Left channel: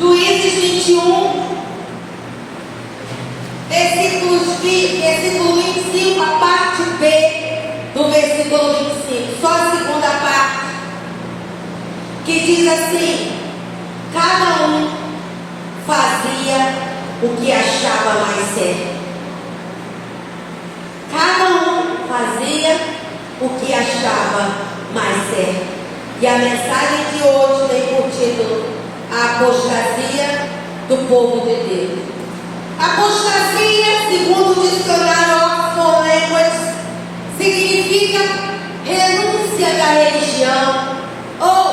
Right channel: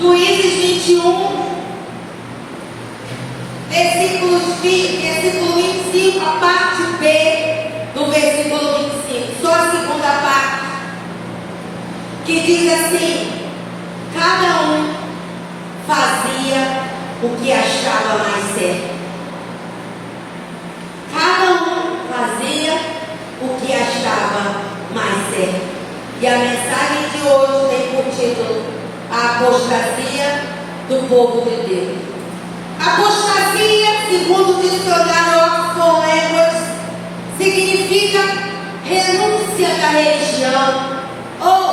Juízes 21, versículo 25, a parte B do versículo 25, só a segunda parte, que diz assim: cada um fazia o que achava mais certo. Cada um fazia o que achava mais certo. E a mensagem de hoje tem por título: a apostasia do povo de Deus. Apostasia, segundo o dicionário Oxford Language, significa renúncia da religião, ou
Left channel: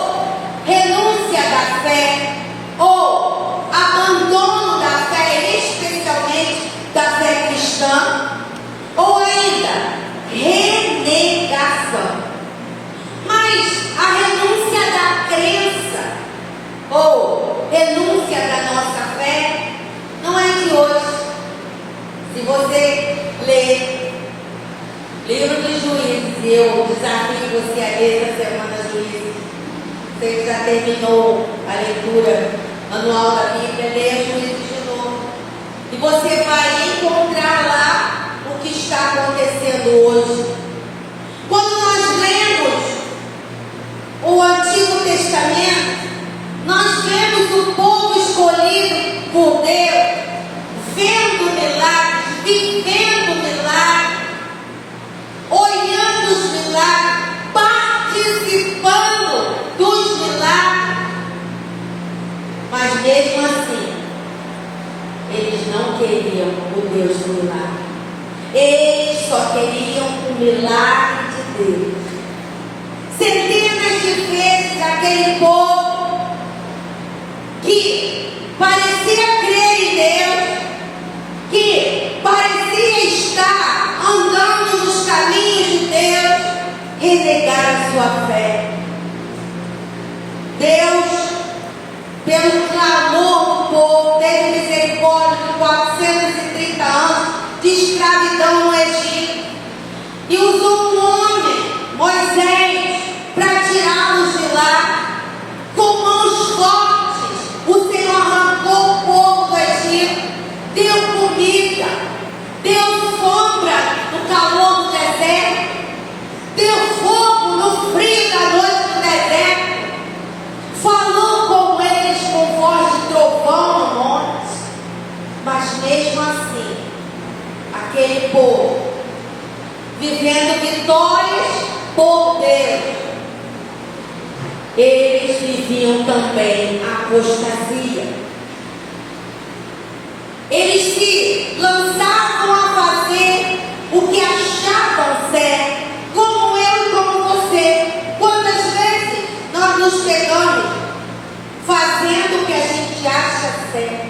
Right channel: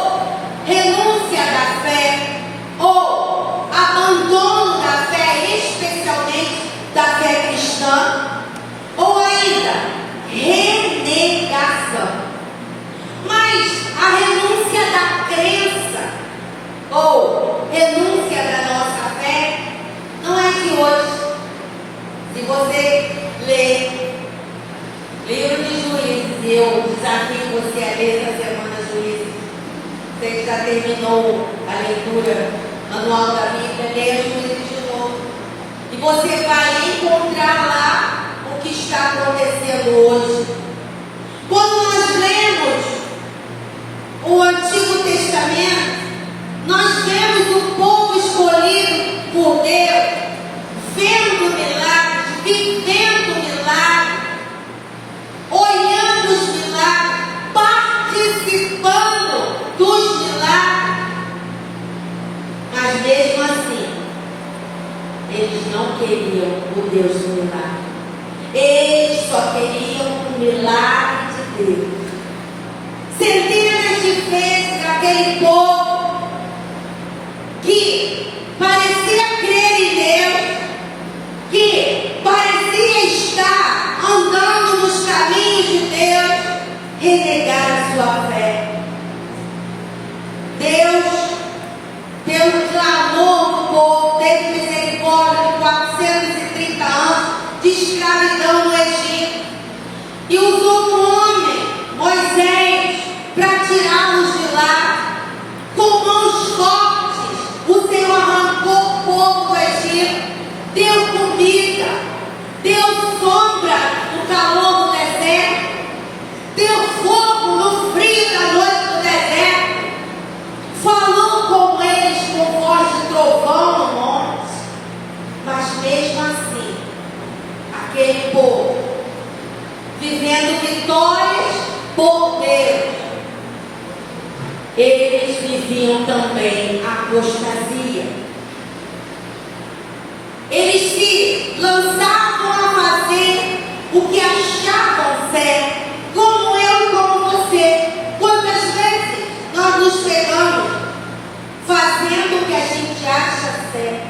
renúncia da fé, ou abandono da fé, especialmente da fé cristã, ou ainda renegação. Mas a renúncia da crença, ou renúncia da nossa fé, não é de hoje. Se você ler livro de Juízes, e eu desafio você a ler essa semana Juízes, você que já terminou a leitura anual da Bíblia, leia Juízes de novo, e você vai encontrar lá o que está acontecendo hoje. Quando nós lemos o Antigo Testamento, nós vemos o povo escolhido por Deus, vendo milagres, vivendo milagres, olhando os milagres, participando dos milagres. Mas mesmo assim, eles não queriam o Deus do milagre. Eles só queriam o milagre de Deus. Centenas de vezes aquele povo que parecia crer em Deus, que parecia estar andando nos caminhos de Deus, renegaram sua fé. Deus, pelo clamor do povo, teve misericórdia de 430 anos de escravidão no Egito e usou um homem, Moisés, para tirá-los de lá. Com mãos fortes, o Senhor arrancou o povo do Egito, deu comida, deu sombra no calor do deserto, deu fogo no frio da noite do deserto, falou com eles com voz de trovão no monte. Mas mesmo assim, aquele povo, vivendo vitórias por Deus, eles viviam também a apostasia. Eles se lançavam a fazer o que achavam certo, como eu e como você. Quantas vezes nós nos pegamos fazendo o que a gente acha certo?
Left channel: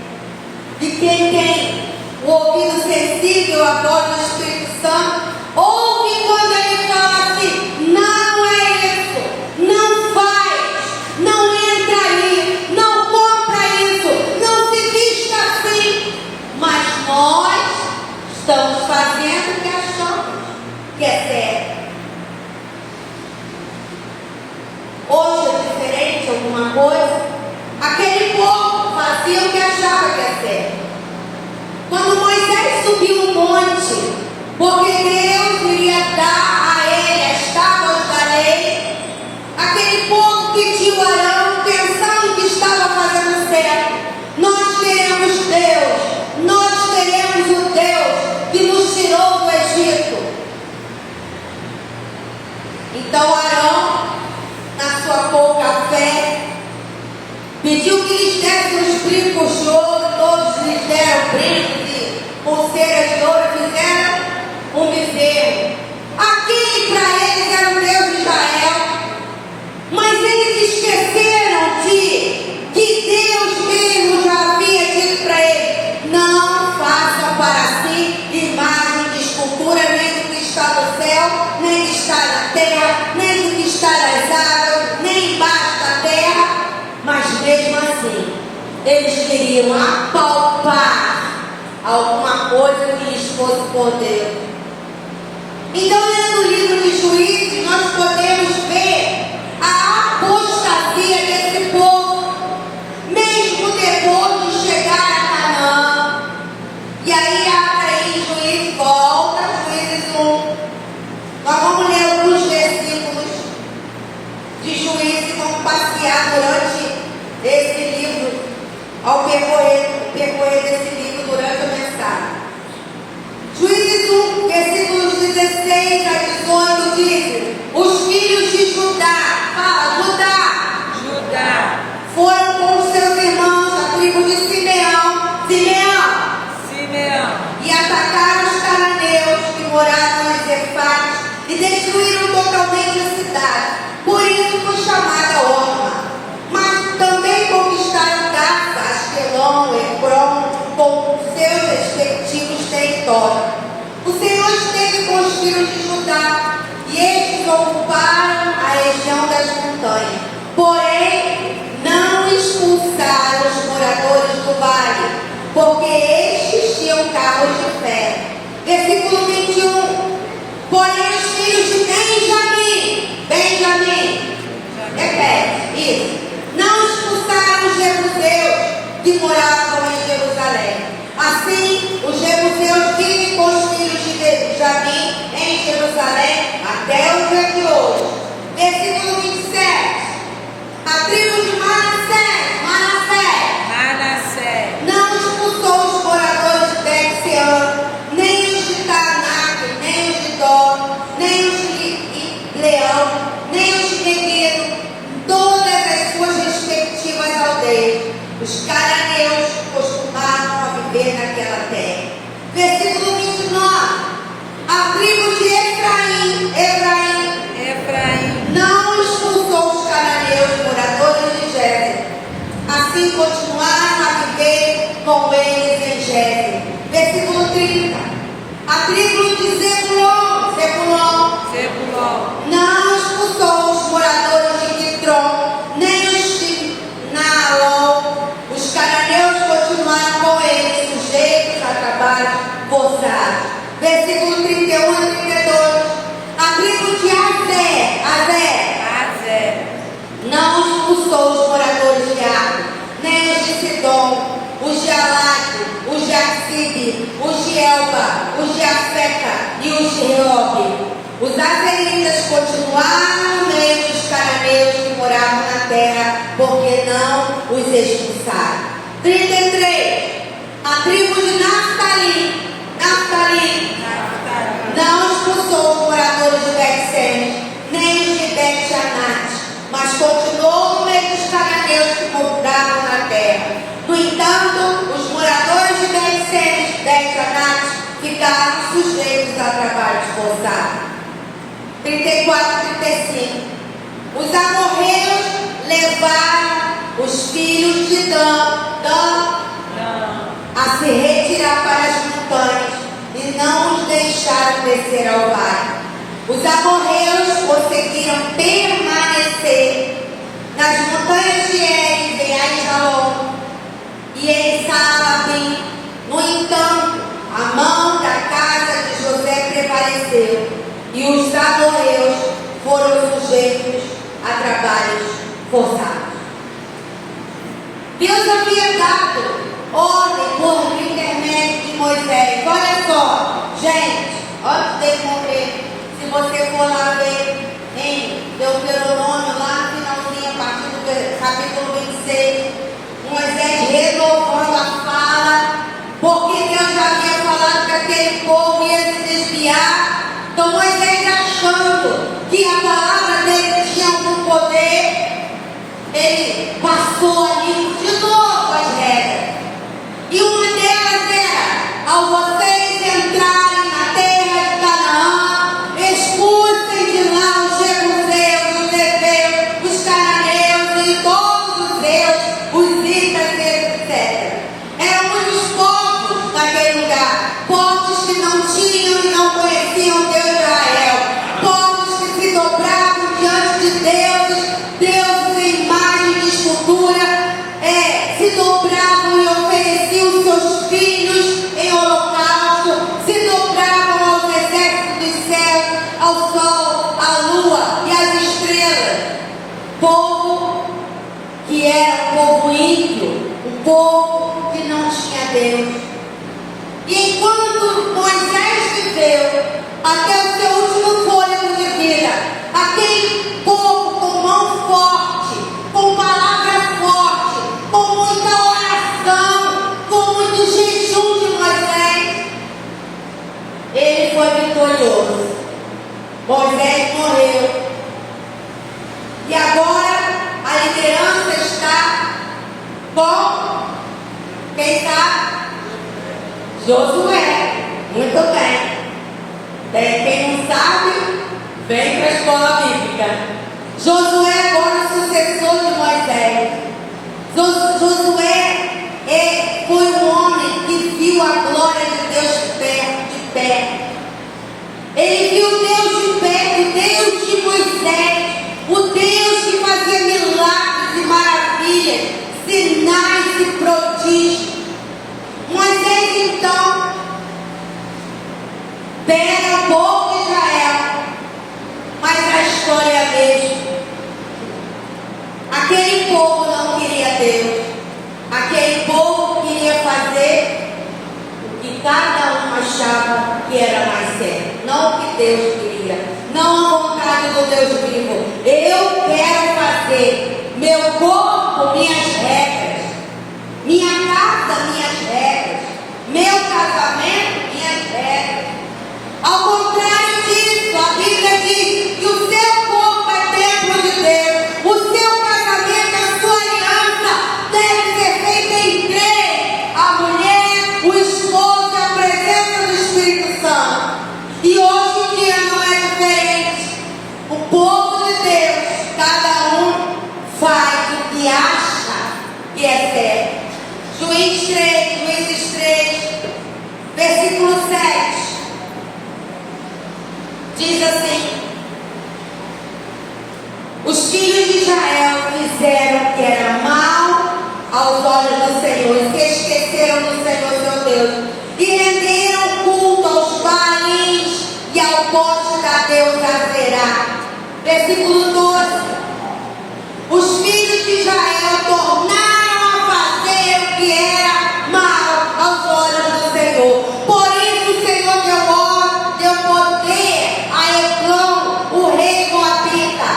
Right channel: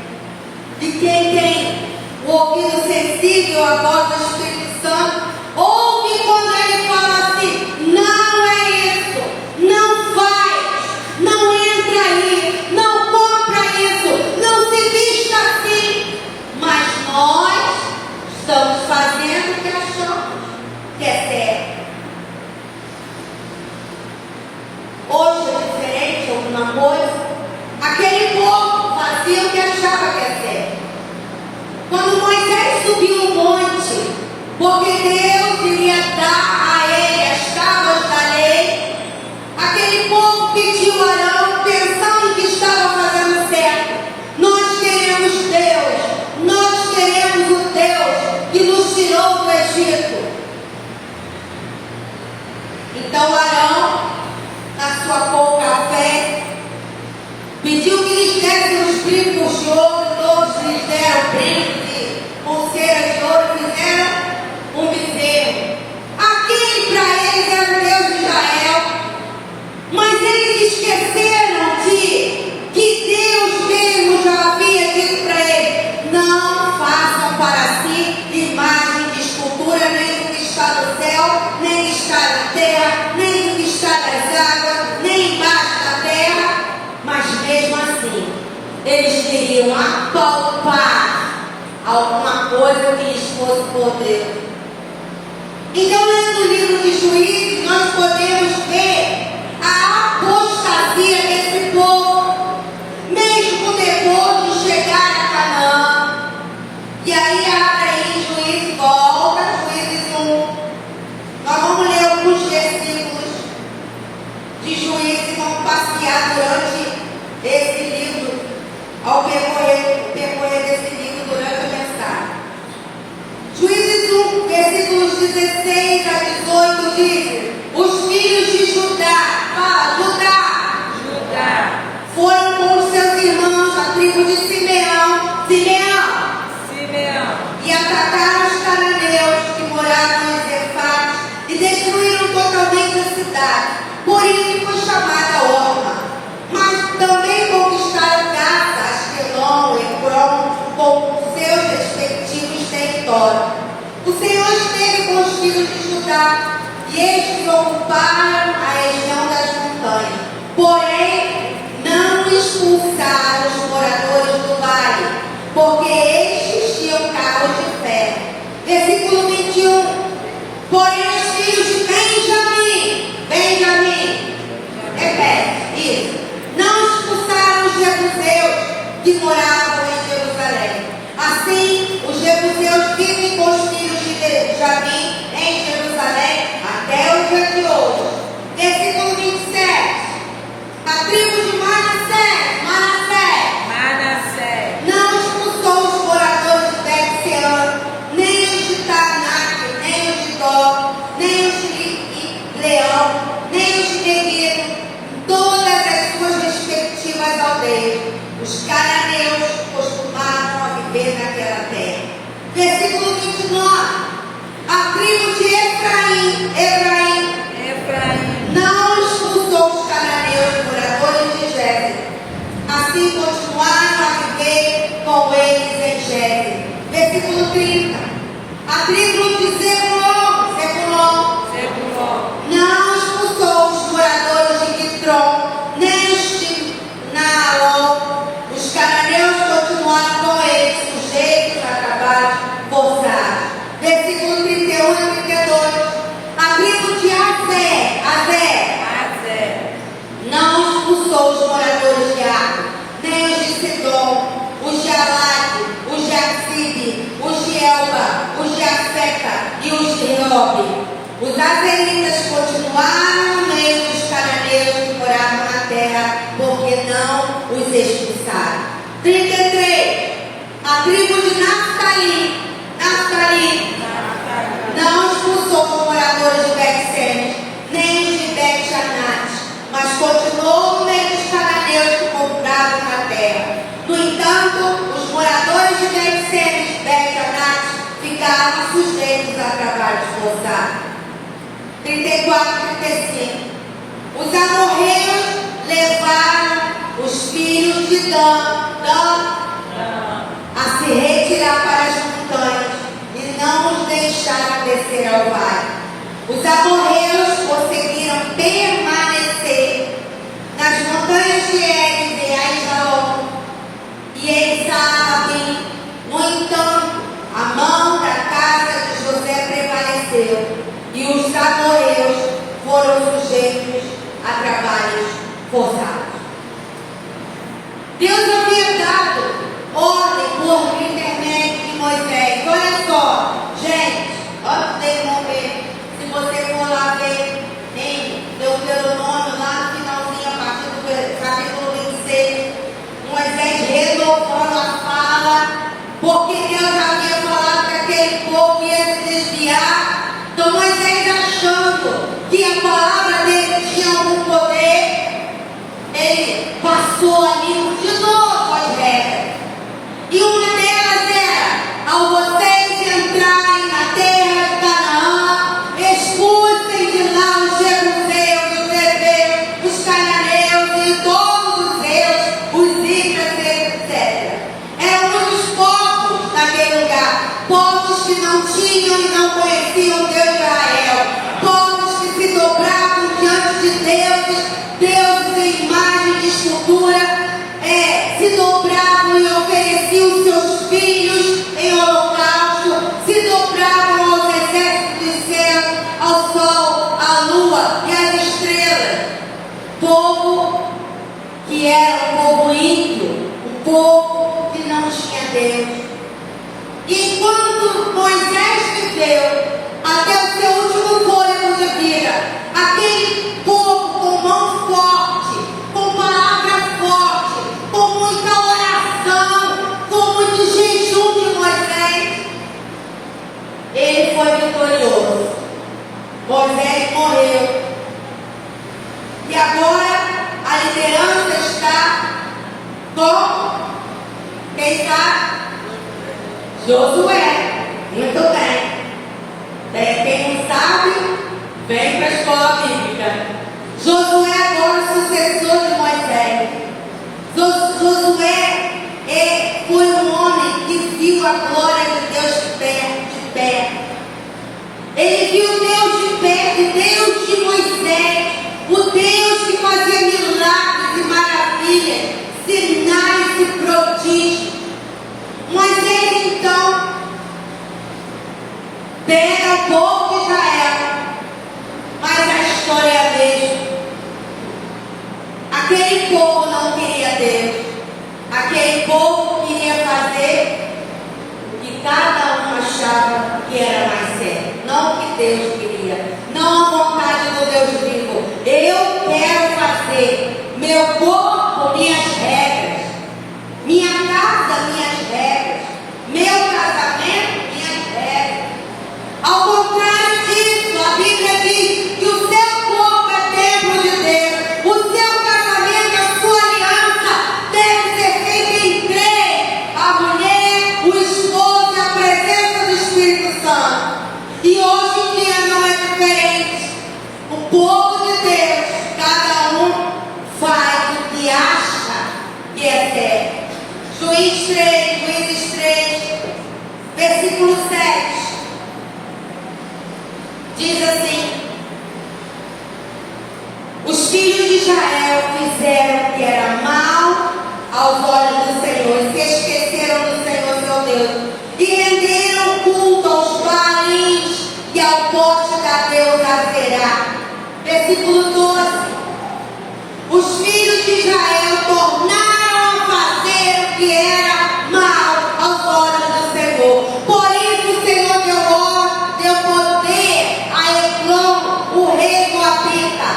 E quem tem o ouvido sensível à voz do Espírito Santo, ouve quando ele fala assim: não é isso, não faz, não entra aí, não compra isso, não se vista assim. Mas nós estamos fazendo o que achamos que é certo. Hoje é diferente alguma coisa? Aquele povo fazia o que achava que é certo. Quando Moisés subiu o monte, porque Deus iria dar a ele as tábuas da lei, aquele povo pediu a Arão, pensando que estava fazendo certo: nós queremos Deus, nós queremos o Deus que nos tirou do Egito. Então Arão, na sua pouca fé, pediu que lhes dessem os brincos de ouro. Todos lhes deram brincos e pulseiras de ouro, fizeram um bezerro. Aquele para eles era o Deus de Israel. Mas eles esqueceram que Deus mesmo já havia dito para eles: não façam para si imagem de escultura, nem do que está no céu, nem do que está na terra, nem do que está nas águas, nem embaixo da terra. Mas mesmo assim, eles queriam apalpar alguma coisa que lhes fosse poder. Então, lendo o livro de Juízes, nós podemos ver a apostasia desse povo, mesmo depois ao percorrer desse livro durante a mensagem. Juízes 1, versículos 16 a 18 diz: os filhos de Judá, fala, Judá, foram com os seus irmãos, a tribo de Simeão, e atacaram os cananeus que moravam em Zefate e destruíram totalmente a cidade. Por isso foi chamada Orma. Mas também conquistaram Gaza, Asquelon, Ekron, com seus respectivos territórios. O Senhor esteve com os filhos de Judá, e estes ocuparam a região das montanhas. Porém, não expulsaram os moradores do vale, porque estes tinham carros de ferro. Versículo 21. Porém, os filhos de Benjamim, repete isso, não expulsaram os jebuseus que moravam em Jerusalém. Assim, os jebuseus vivem com os filhos de Benjamim em Jerusalém até o dia de hoje. Versículo 27. A tribo de Manassés não expulsou os moradores de Bet-Sean, nem os de Tanak, nem os de Dó, nem os de Leão, nem os de Meguido, todas as suas respectivas aldeias. Os cananeus costumavam a viver naquela terra. Versículo 29. A tribo de Efraim não expulsou os cananeus moradores de Gézer. Assim continuaram a viver com eles em Gézer. Versículo 30. A tribo de Zebulon não expulsou os moradores de Kitron, nem os de Naalon. Os cananeus continuaram com eles, sujeitos a trabalhos forçados. Versículo 31 a 32. A tribo de Azer não expulsou os moradores de Ar, nem os de Sidom, os de Alat, os de Axibe, os de Elba, os de Afeca e os de Reob. Os azeritas continuaram no meio dos cananeus que moravam na terra, porque não os expulsaram. 33. A tribo de Naftali não expulsou os moradores de Bet-Semes, nem os de Bet-Janat, mas continuou no meio dos cananeus que moravam na terra. No entanto, os moradores de Bet-Semes, Bet-Janat, ficaram sujeitos a trabalhos forçados. 34 e 35. Os amorreus levaram os filhos de Dan a se retirar para as montanhas e não os deixaram descer ao vale. Os amorreus conseguiram permanecer nas montanhas de Eres, em Aijalon e em Saalabim. No entanto, a mão da casa de José prevaleceu e os amorreus foram sujeitos a trabalhos forçados. Deus havia dado ordem por intermédio de Moisés. Olha só, gente, olha o que tem que morrer. Se você for lá ver em Deuteronômio, lá no finalzinho, a partir do capítulo 26, Moisés renovando a fala, porque Deus já havia falado que aquele povo ia se desviar. Então Moisés, achando que a palavra dele tinha algum poder, ele passou ali de novo as regras. E uma delas era: ao vocês entrarem na terra de Canaã, expulsem de lá os jebuseus, os heveus, os cananeus e todos os heus, os itas, etc. Eram muitos povos naquele lugar, povos que não tinham e não conheciam Deus de Israel, povos que se dobravam diante de deuses em imagem de escultura, se dobravam e ofereciam seus filhos em holocausto, se dobravam aos exércitos dos céus, ao sol, à lua e às estrelas. Povo que era um povo ímpio, um povo que não tinha Deus. E enquanto Moisés viveu até o seu último fôlego de vida, aquele povo com mão forte, com palavra forte, com muita oração, ele foi vitorioso. Moisés morreu. E agora a liderança está com quem está? Josué. Muito bem. Quem não sabe, vem para a escola bíblica. Josué agora sucessor de Moisés. Josué foi um homem que viu a glória de Deus de pé. Ele viu Deus de pé, o Deus de Moisés, o Deus que fazia milagres e maravilhas, sinais e prodígios. Moisés então pega o povo de Israel, mas a história é a mesma. Aquele povo não queria Deus. Aquele povo queria fazer o que cada um achava que era mais certo, não o que Deus queria, não a vontade do Deus vivo. Eu quero fazer meu corpo, minhas regras, minha casa, minhas regras, meu casamento, minhas regras. Ao contrário disso, a Bíblia diz que o seu corpo é templo de Deus, o seu casamento, a sua aliança deve ser feita em três: a mulher, o esposo e a presença do Espírito Santo. E hoje em dia não é diferente. O povo de Deus, cada um faz o que acha que é certo. Juízes 3, versículo 7. Diz assim: os filhos de Israel fizeram o que era mal aos olhos do Senhor, se esqueceram do Senhor seu Deus, e renderam culto aos Baalins e ao poste da deusa Azerá. Versículo 12: os filhos de Israel tornaram a fazer o que era mal aos olhos do Senhor. Por isso o Senhor deu poder a Eglon, o rei moabita,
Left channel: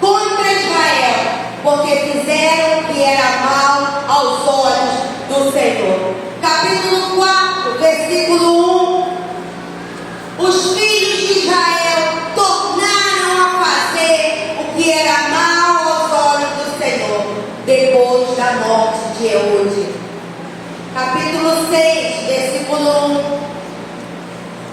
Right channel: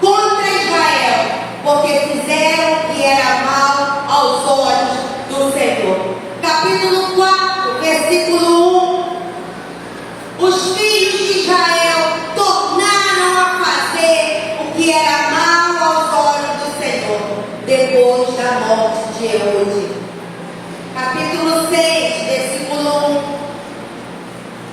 contra Israel, porque fizeram o que era mal aos olhos do Senhor. Capítulo 4, versículo 1. Os filhos de Israel tornaram a fazer o que era mal aos olhos do Senhor, depois da morte de Eude. Capítulo 6, versículo 1.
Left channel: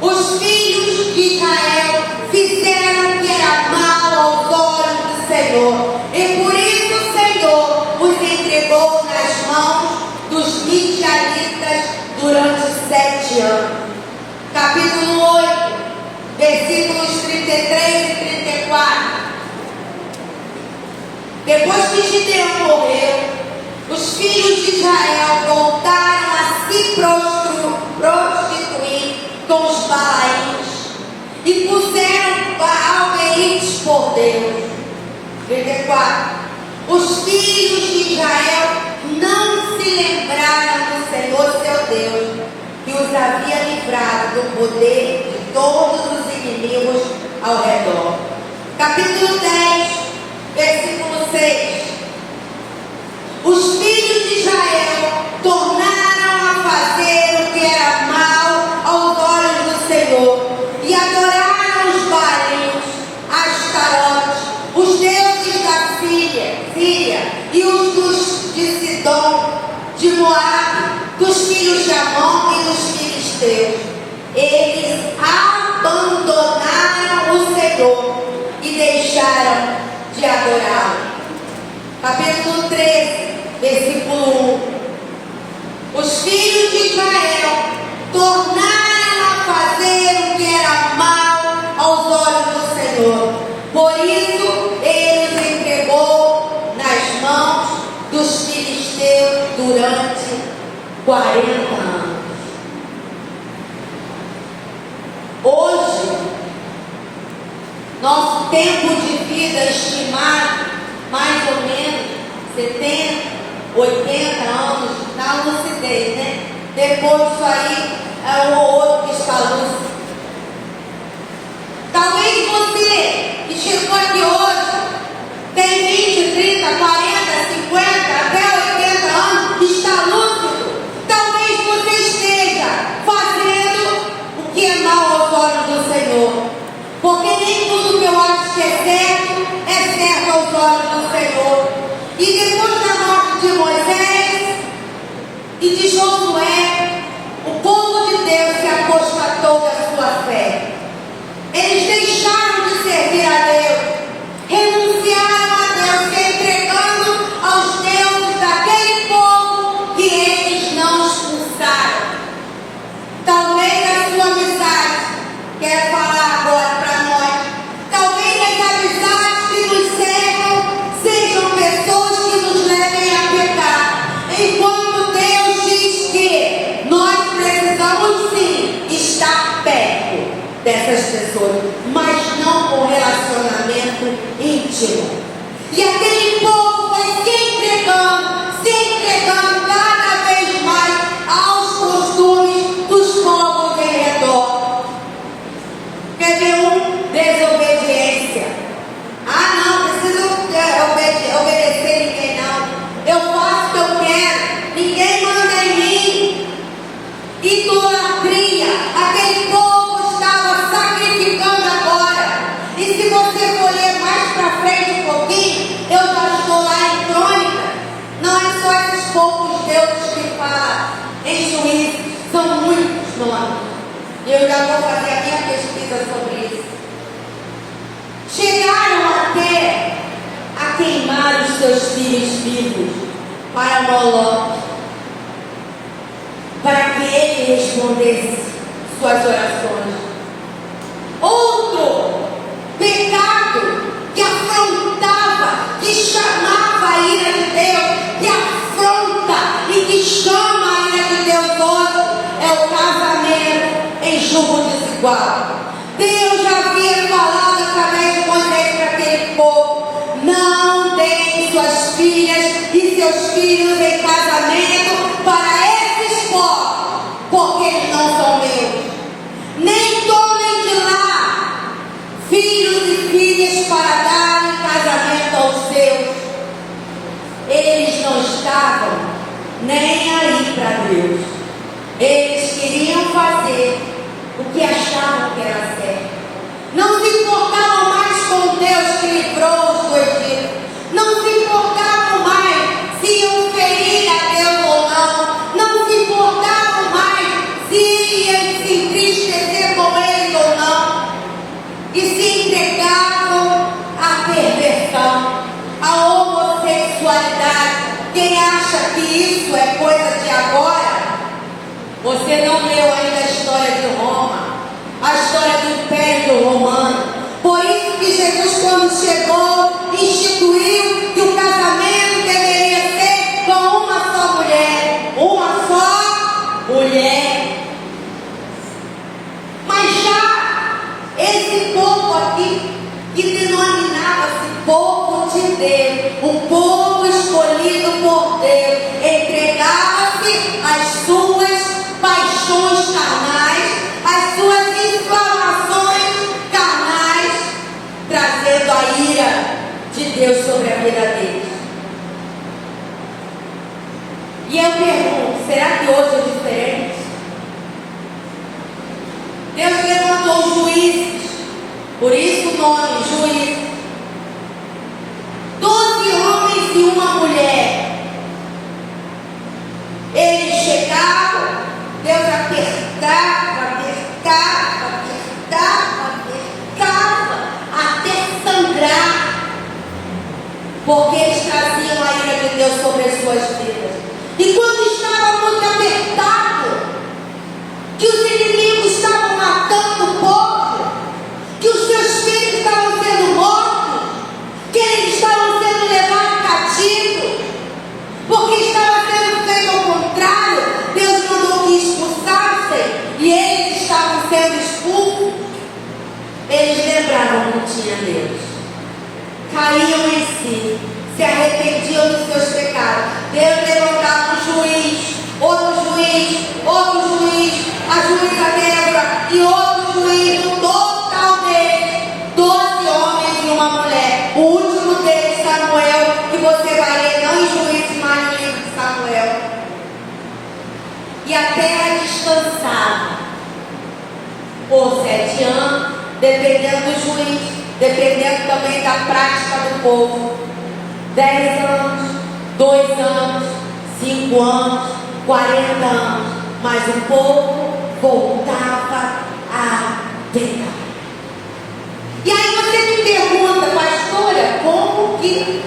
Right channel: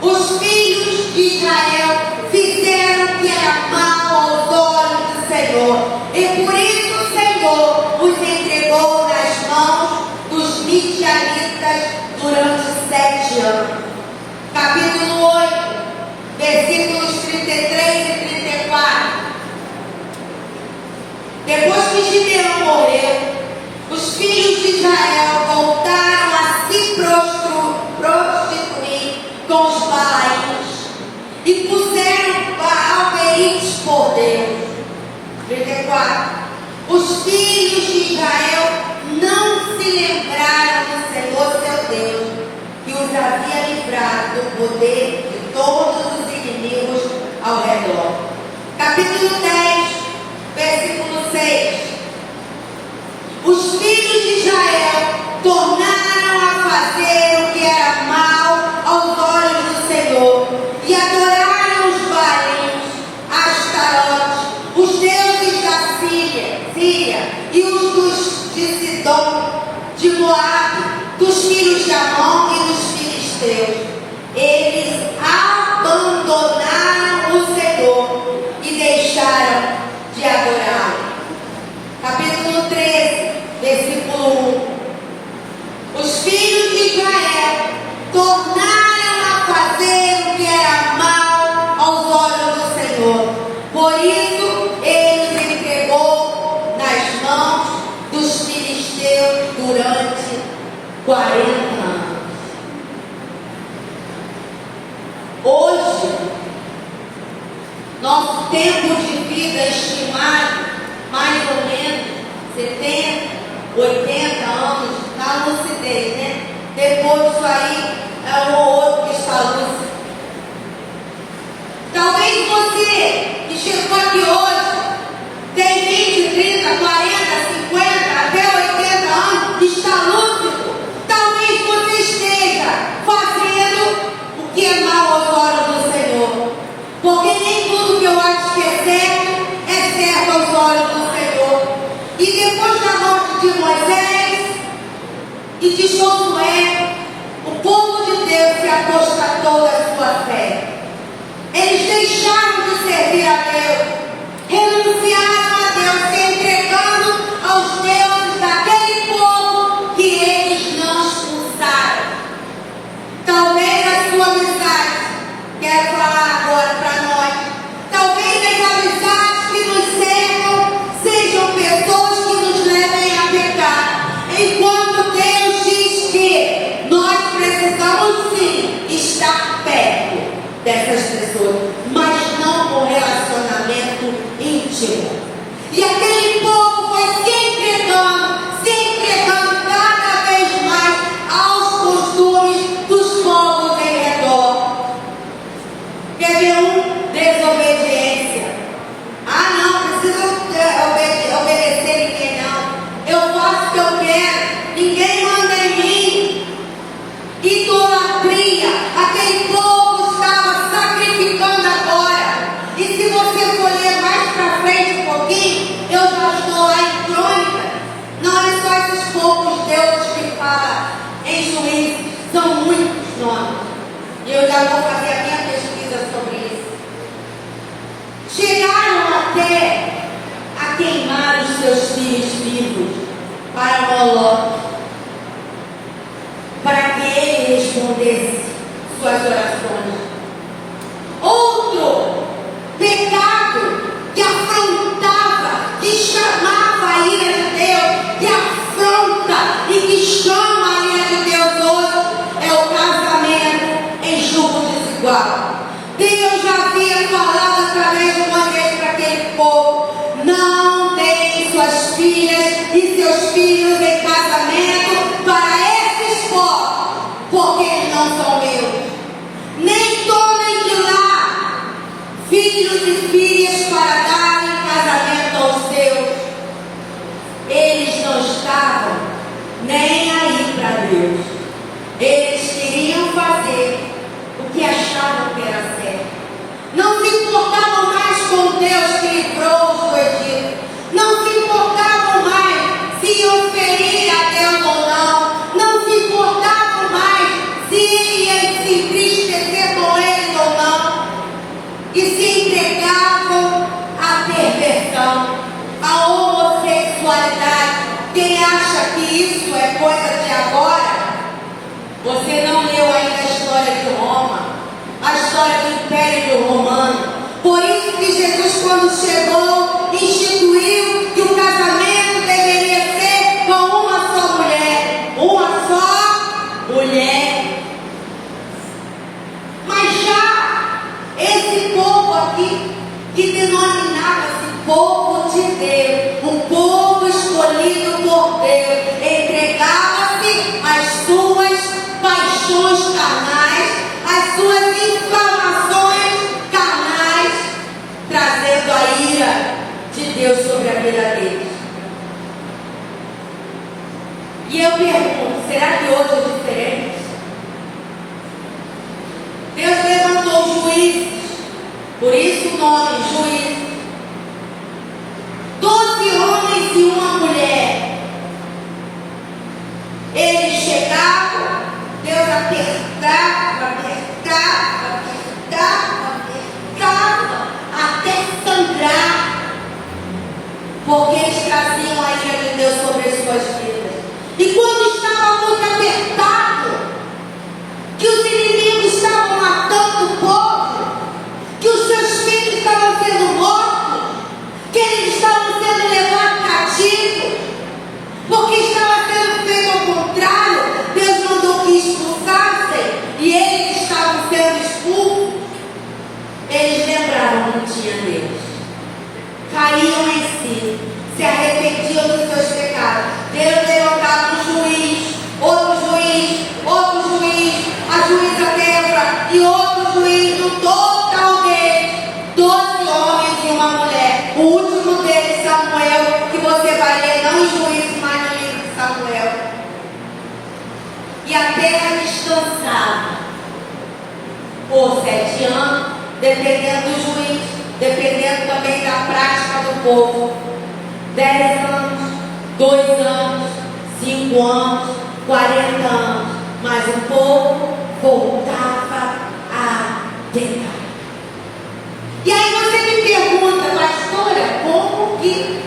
Os filhos de Israel fizeram o que era mal aos olhos do Senhor, e por isso o Senhor os entregou nas mãos dos midianitas durante 7 anos. Capítulo 8, versículos 33 e 34. Depois que Gideão morreu, os filhos de Israel voltaram a se prostituir com os Baalins e puseram Baal-Berites por Deus. 34. Os filhos de Israel não se lembraram do Senhor seu Deus, que os havia livrado do poder de todos os inimigos ao redor. Capítulo 10, versículo 6. Os filhos de Israel tornaram a fazer o que era mal aos olhos do Senhor e adoraram os Baalins, Astarote, os deuses da Síria e os de Sidom, de Moabe, dos filhos de Amon e dos filisteus. Eles abandonaram o Senhor e deixaram de adorá-lo. Capítulo 13, versículo 1. Os filhos de Israel tornaram a fazer o que era mal aos olhos do Senhor. Por isso, ele os entregou nas mãos dos filisteus durante 40 anos. Hoje, nosso tempo de vida estimado, mais ou menos 70, 80 anos, na lucidez, né? Depois disso aí, é um ou outro que está lúcido. Talvez você que chegou aqui hoje tem 20, 30, 40, 50, até 80 anos, está lúcido. Talvez você esteja fazendo o que é mal aos olhos E de Josué, o povo de Deus se apostatou da sua fé. Eles deixaram de servir a Deus, renunciaram a Deus, se entregando aos deuses daquele povo que eles não expulsaram. Talvez a sua amizade, quero falar agora para nós, talvez as amizades que nos cercam sejam pessoas que nos levem a pecar. Enquanto Deus diz que nós precisamos sim estar perto dessas pessoas, mas não com relacionamento íntimo. E aquele povo foi se entregando cada vez mais aos costumes dos povos em redor. Quer ver desobediência? Ah, não preciso obedecer ninguém, não. Eu faço o que eu quero, ninguém manda em mim. Idolatria, aquele povo estava sacrificando agora. E se você for ler mais para frente um pouquinho, eu já estou lá em Crônica. Não é só esses poucos deuses que fala em Juízes, são muitos nomes. E eu já vou fazer a minha pesquisa sobre isso. Chegaram até a queimar os seus filhos vivos para Moloque, para que ele respondesse suas orações. Outro pecado que afrontava, que chamava a ira de Deus, que afronta e que chama a ira de Deus hoje, é o casamento em julgo desigual. Deus já havia falado através de Moisés para aquele povo: não deem suas filhas e seus filhos em casamento para esses povos, porque eles não são meus. Nem tomem de lá filhos e filhas para dar em casamento aos seus. Eles não estavam nem aí para Deus. Eles queriam fazer o que achavam que era certo. Não se importavam mais com Deus que livrou-os do Egito. Não se importavam mais se iam ferir a Deus ou não. Não se importavam mais se iam se entristecer com eles ou não. E se entregavam à perversão, à homossexualidade. Quem acha que isso é coisa de agora? Você não leu ainda a história de Roma, a história do Império Romano. Por isso que Jesus, quando chegou, instituiu que o casamento deveria ser com uma só mulher. Uma só mulher. Mas já esse povo aqui, que denominava-se povo de Deus, um povo escolhido por Deus, entregava-se às suas paixões carnais, às suas inflamações carnais, trazendo a ira de Deus sobre a vida deles. E eu pergunto, será que hoje é diferente? Deus levantou juízes, por isso o nome, juízes. 12 homens e uma mulher. Eles chegavam, Deus apertava, até sangrar, porque eles traziam a ira de Deus sobre as suas vidas. E quando estava muito apertado, que os inimigos estavam matando o povo, que os seus filhos estavam sendo mortos, que eles estavam sendo levados cativos, porque estava sendo feito ao contrário, Deus mandou que expulsassem e eles estavam sendo expulsos. Eles lembravam que tinha Deus, caíam em si, se arrependiam dos seus pecados. Deus levantava um juiz, outro juiz, a juíza Débora e outro juiz, no total deles, 12 homens e uma mulher. O último deles, Samuel, que você vai ler não em Juízes, mas no livro de Samuel. E a terra descansava por 7 anos, dependendo do juiz, dependendo também da prática do povo. 10 anos, 2 anos, 5 anos, 40 anos, mas o povo voltava a pecar. E aí você me pergunta, pastora, como que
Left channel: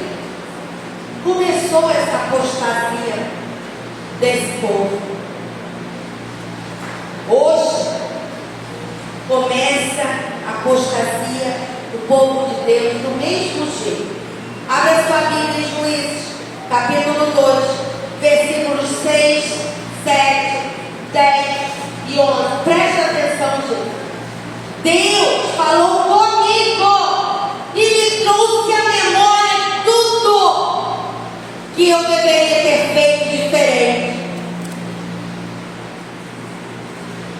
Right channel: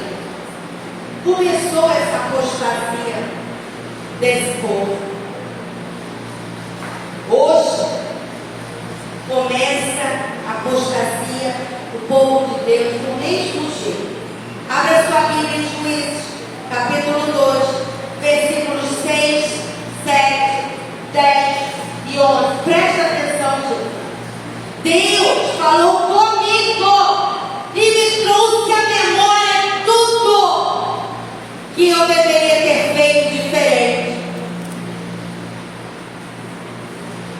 começou essa apostasia desse povo? Hoje começa a apostasia do povo de Deus do mesmo jeito. Abra sua Bíblia em Juízes, capítulo 2, versículos 6, 7, 10 e 11. Presta atenção, gente. Deus falou comigo e me trouxe à memória tudo que eu deveria ter feito diferente.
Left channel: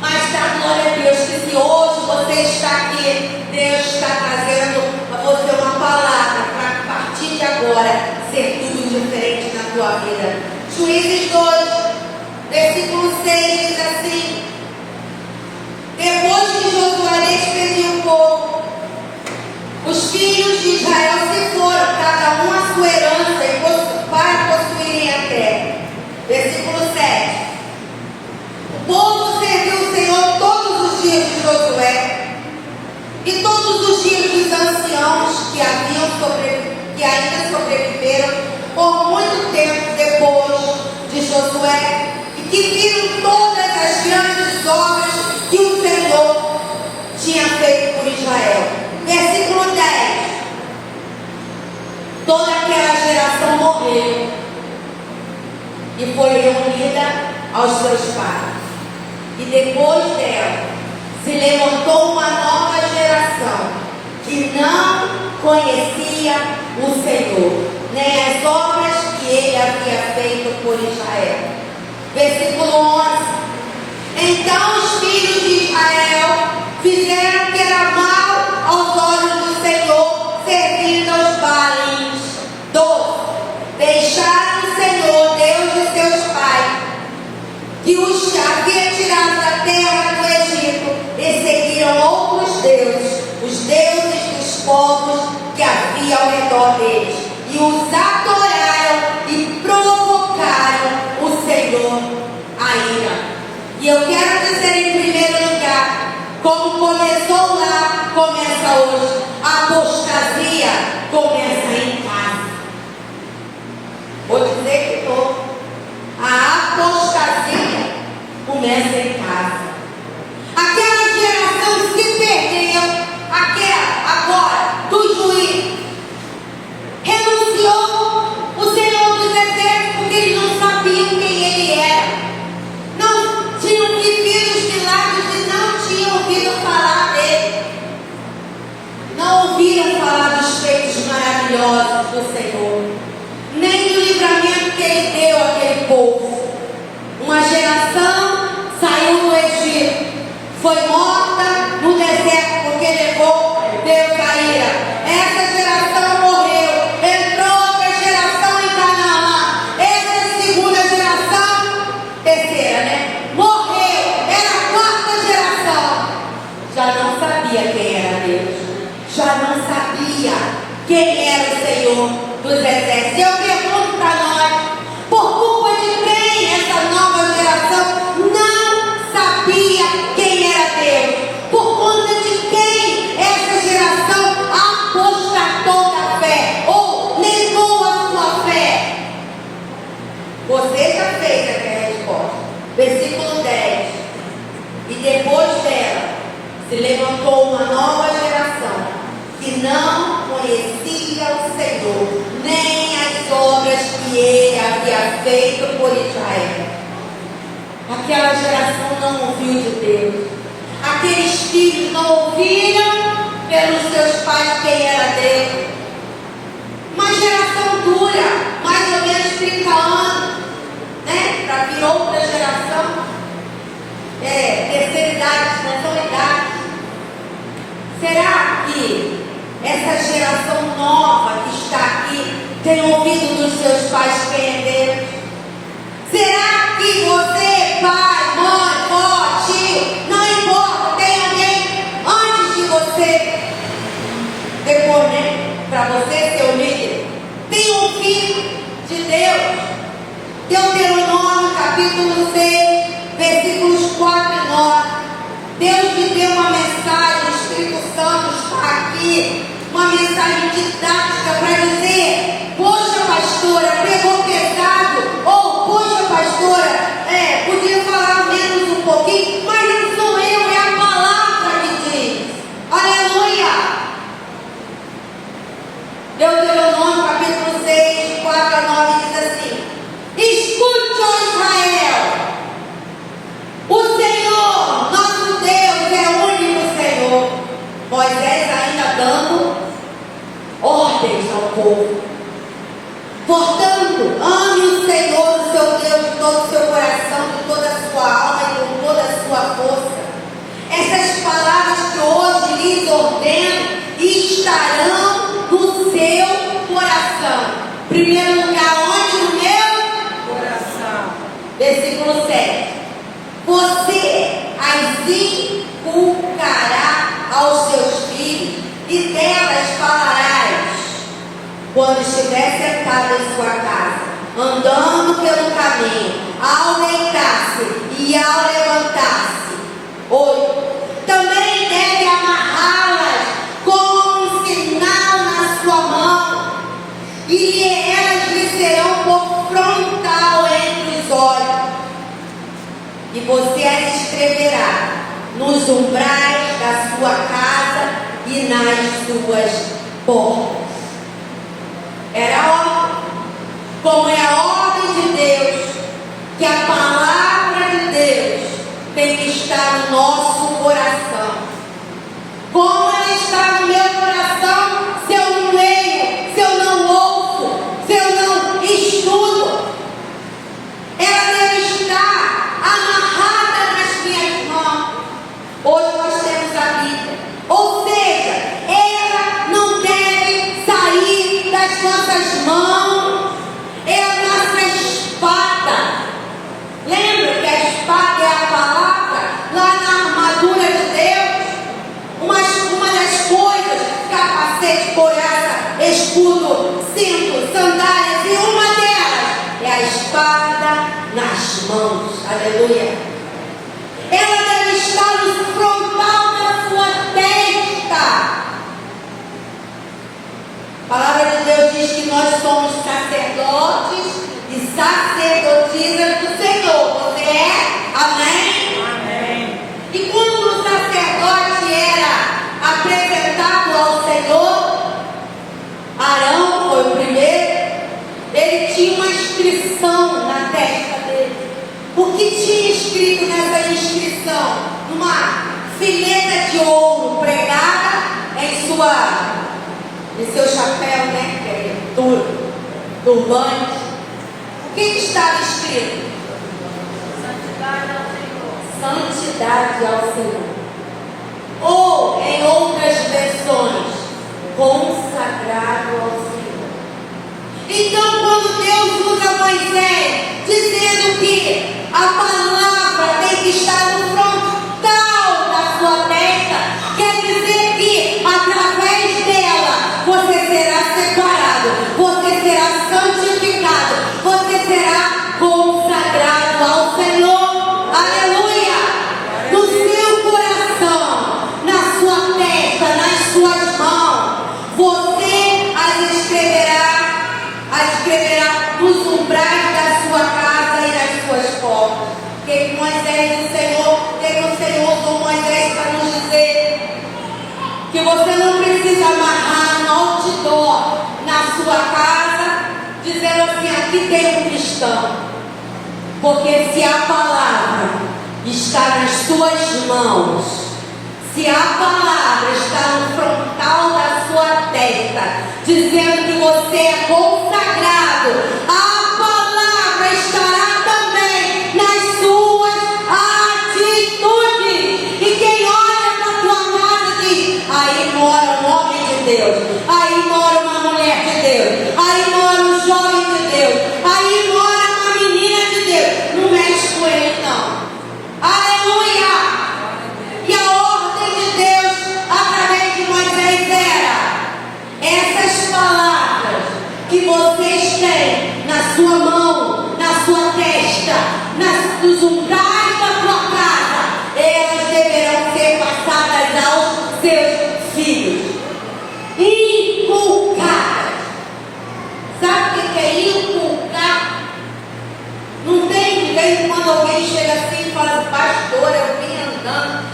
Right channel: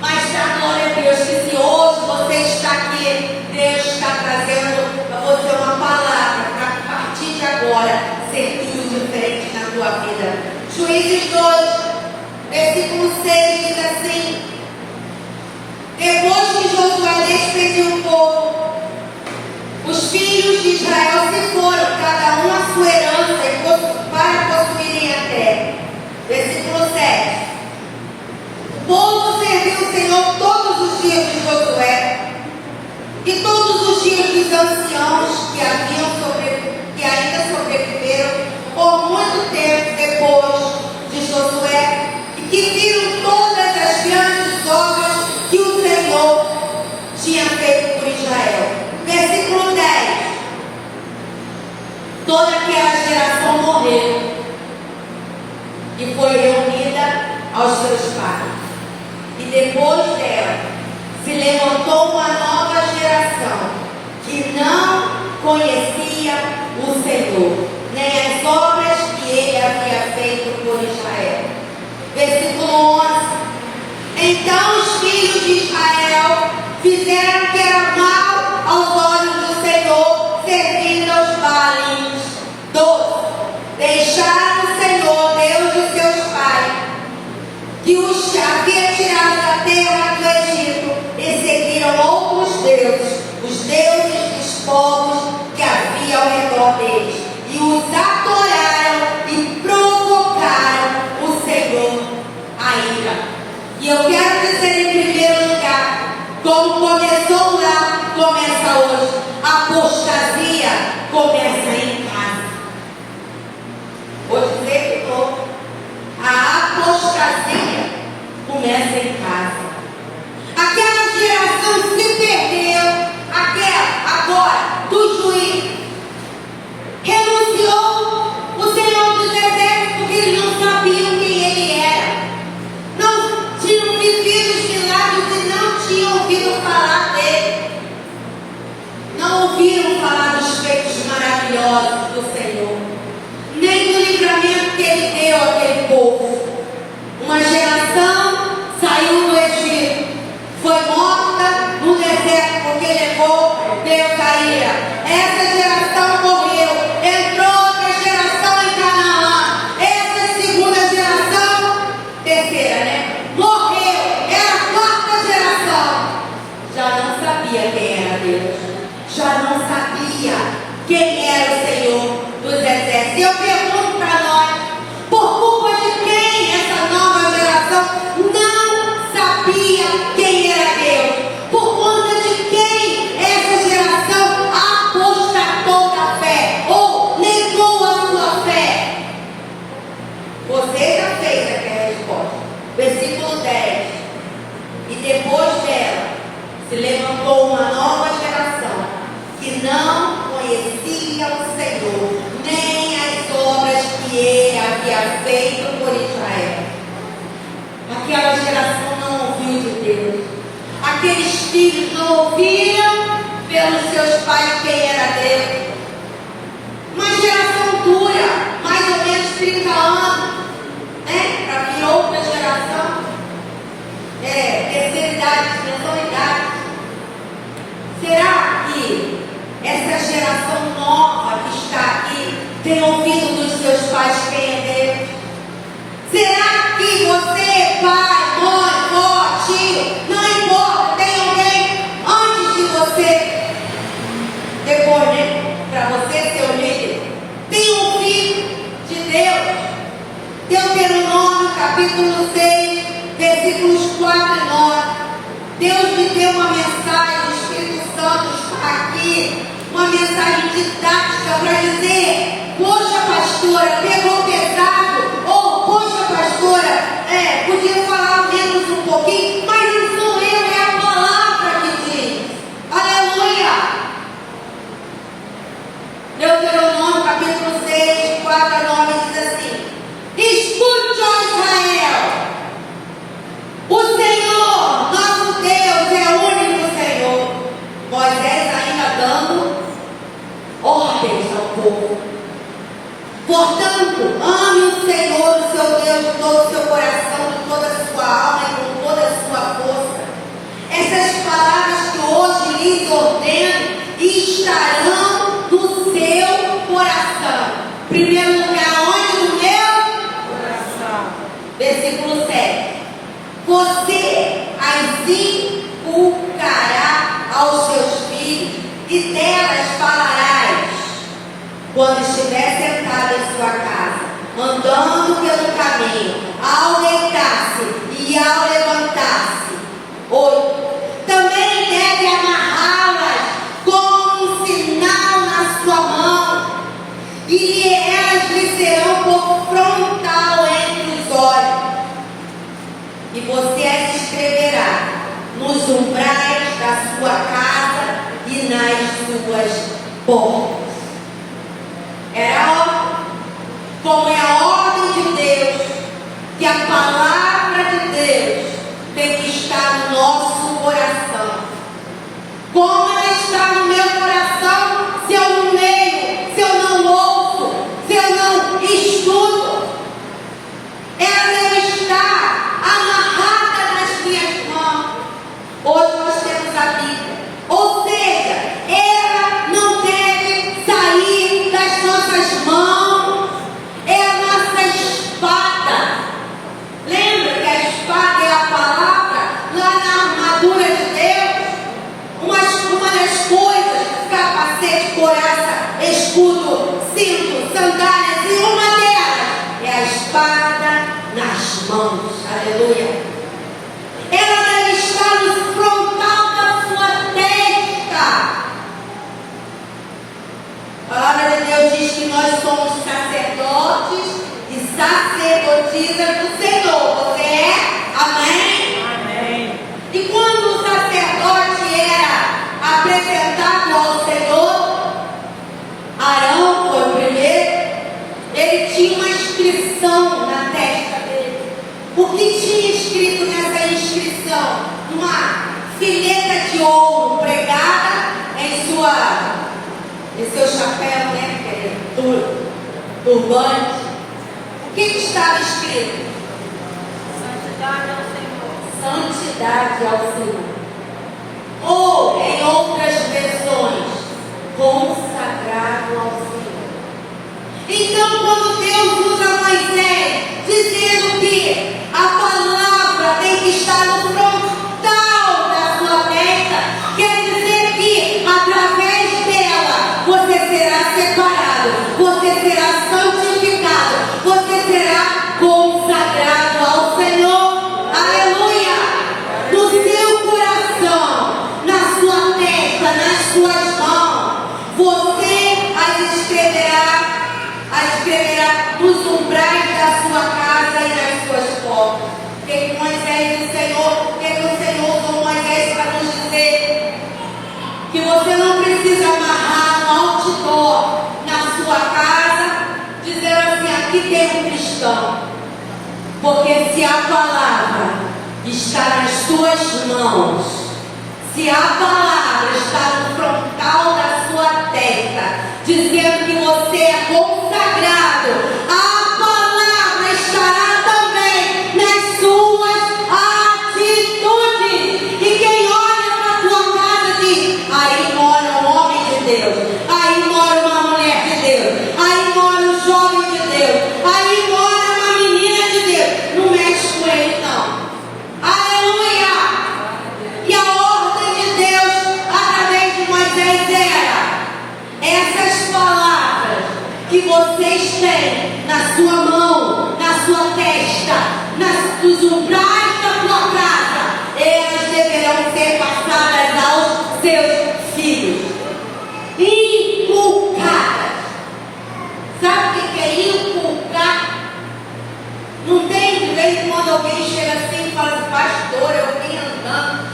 Mas dá glória a Deus que se hoje você está aqui, Deus está trazendo a você uma palavra para a partir de agora ser tudo diferente na tua vida. Juízes 2, versículo 6 diz assim: depois que Josué despediu o povo, os filhos de Israel se foram, cada um a sua herança, para possuírem a terra. Versículo 7. O povo serviu o Senhor todos os dias de Josué, e todos os dias dos anciãos que ainda sobreviveram por muito tempo depois de Josué, e que viram todas as grandes obras que o Senhor tinha feito por Israel. Versículo 10. Toda aquela geração morreu e foi reunida aos seus pais. E depois dela se levantou uma nova geração que não conhecia o Senhor, nem as obras que ele havia feito por Israel. Versículo 11. Então os filhos de Israel fizeram o que era mal aos olhos do Senhor, servindo aos Baalins. 12. Deixaram o Senhor, Deus de seus pais, que os havia tirado da terra do Egito, e seguiram outros deuses, os deuses dos povos que havia ao redor deles, e os adoraram e provocaram o Senhor a ira. E eu quero dizer em primeiro lugar, como começou lá, começa hoje. A apostasia começa em casa. Vou dizer de novo. A apostasia começa em casa. Aquela geração se perdeu, agora, do juiz, renunciou o Senhor dos Exércitos porque eles não sabiam quem ele era. Não tinham vivido os milagres e não tinham ouvido falar dele. Não ouviram falar dos feitos maravilhosos do Senhor, nem do livramento que ele deu àquele povo. Uma geração saiu do Egito, foi morta no deserto porque levou Deus a ira. Essa geração morreu, entrou outra geração em Canaã. Essa segunda geração, terceira, né? Morreu, era a quarta geração. Já não sabia quem era Deus, já não sabia quem era o Senhor dos Exércitos. Eu pergunto para nós, por culpa de quem essa nova geração não sabia quem era Deus? Por conta de quem essa geração apostatou da fé ou negou a sua fé? Você já fez aqui a resposta. Versículo 10. E depois dela se levantou uma nova geração que não conhecia o Senhor, nem as obras que ele havia feito por Israel. Aquela geração não ouviu de Deus. Aqueles filhos não ouviram pelos seus pais quem era Deus. Uma geração dura, mais ou menos 30 anos, né? Para vir outra geração. Terceira idade, né? São idades. Será que essa geração nova que está aqui tem ouvido dos seus pais quem é Deus? Será que você, pai, mãe, avó, tio, não importa, tem alguém antes de você, depois, né? Para você ser o líder, tem ouvido de Deus? Deuteronômio capítulo te dê uma mensagem, o Espírito Santo está aqui, uma mensagem didática para dizer: poxa, pastora, pegou pesado, ou poxa, pastora, podia falar menos um pouquinho, mas não sou eu, é a palavra que diz. Aleluia! Deuteronômio capítulo 6, 4 a 9 diz assim: escute, ó Israel, o Senhor, nosso Deus, é o único Senhor. Moisés ainda dando ordens ao povo. Portanto, ame o Senhor, o seu Deus, de todo o seu coração, de toda a sua alma e com toda a sua força. Essas palavras que hoje lhes ordeno estarão no seu coração. Primeiro lugar, onde? No meu coração. Versículo 7. Você as inculcará aos seus filhos e delas falarás quando estiver sentado em sua casa, andando pelo caminho, ao deitar-se e ao levantar-se. 8. Também deve amarrá-las como um sinal na sua mão, e elas lhe serão por frontal entre os olhos. E você as escreverá nos umbrais da sua casa e nas suas portas. Era a ordem, como é a ordem de Deus, que a palavra de Deus tem que estar no nosso coração. Como ela está no meu coração, se eu não leio, se eu não ouço, se eu não estudo? Ela deve estar amarrada nas minhas mãos. Hoje nós temos a Bíblia. Ou seja, ela não deve sair das nossas mãos. É a nossa espada. Lembra que a espada é a palavra? Lá na armadura de Deus, uma das coisas, capacete, couraça, escudo, cinto, sandálias, e uma delas é a espada nas mãos. Aleluia. Ela deve estar no frontal da sua testa. A palavra de Deus diz que nós somos sacerdotes e sacerdotisas do Senhor. Você é? Amém? Amém. E quando o sacerdote era apresentado ao Senhor, Arão foi o primeiro, ele tinha uma inscrição na testa dele. O que tinha escrito nessa inscrição? Uma fileta de ouro pregada em seu chapéu, né? Que é turbante. O que estava escrito? Santidade ao Senhor. Ou, em outras versões, consagrado ao Senhor. Então, quando Deus usa Moisés, dizendo que a palavra tem que estar no frontal da sua testa, quer dizer que através dela você será separado, você será santificado, você será consagrado ao Senhor. Aleluia! No seu coração, na sua testa, nas suas mãos, você as escreverá nos umbrais da sua casa e nas suas portas. Que Moisés e o Senhor usou Moisés para nos dizer que você não precisa amarrar no outdoor na sua casa, dizendo assim: aqui tem um cristão. Porque se a palavra está nas suas mãos, se a palavra está no frontal da sua testa, dizendo que você é consagrado, a palavra estará também nas suas atitudes. E quem olha para a tua casa diz: aí mora um homem de Deus, aí mora uma mulher de Deus, aí mora um jovem de Deus, aí mora uma menina de Deus. Não mexe com ele, não. Aleluia! E a ordem de Deus através de Moisés era: essas palavras que vocês têm na sua mão, na sua testa, nos umbrais da sua casa, elas deverão ser passadas pastora, eu vim andando.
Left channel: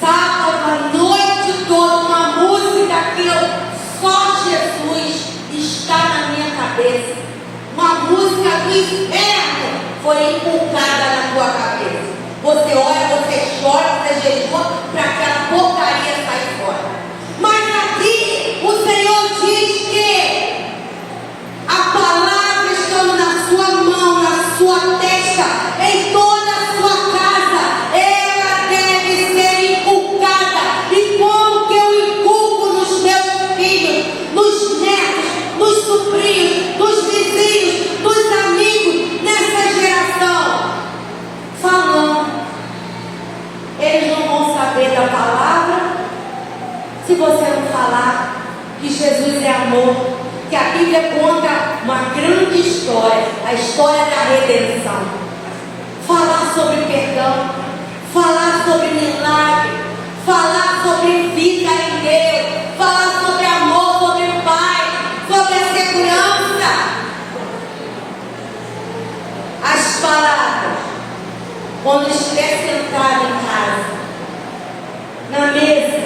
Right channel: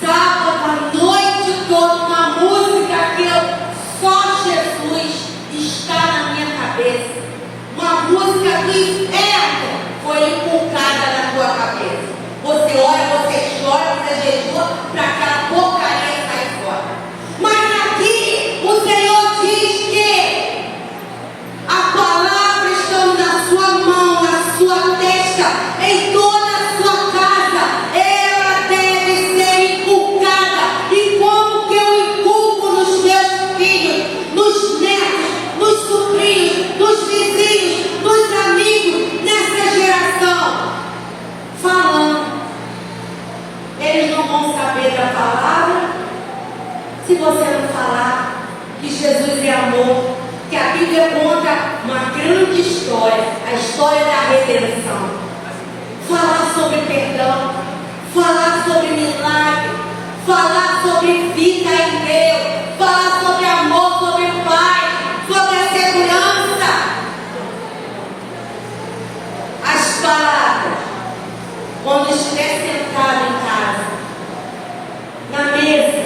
Sábado, a noite toda, uma música que só Jesus está na minha cabeça. Uma música do inferno foi inculcada na tua cabeça. Você ora, você chora, você jejua para aquela porcaria sair fora. Mas aqui o Senhor diz que a palavra estando na sua mão, na sua testa, em toda a sua casa, ela deve ser inculcada. E como que eu inculco nos meus filhos, nos netos, nos sobrinhos, nos vizinhos, nos amigos, nessa geração? Falando. Eles não vão saber da palavra se você não falar que Jesus é amor, que a Bíblia conta uma grande história, a história da redenção. Falar sobre perdão, falar sobre milagre, falar sobre vida em Deus, falar sobre amor, sobre paz, sobre a segurança. As palavras, quando estiver sentado em casa, na mesa,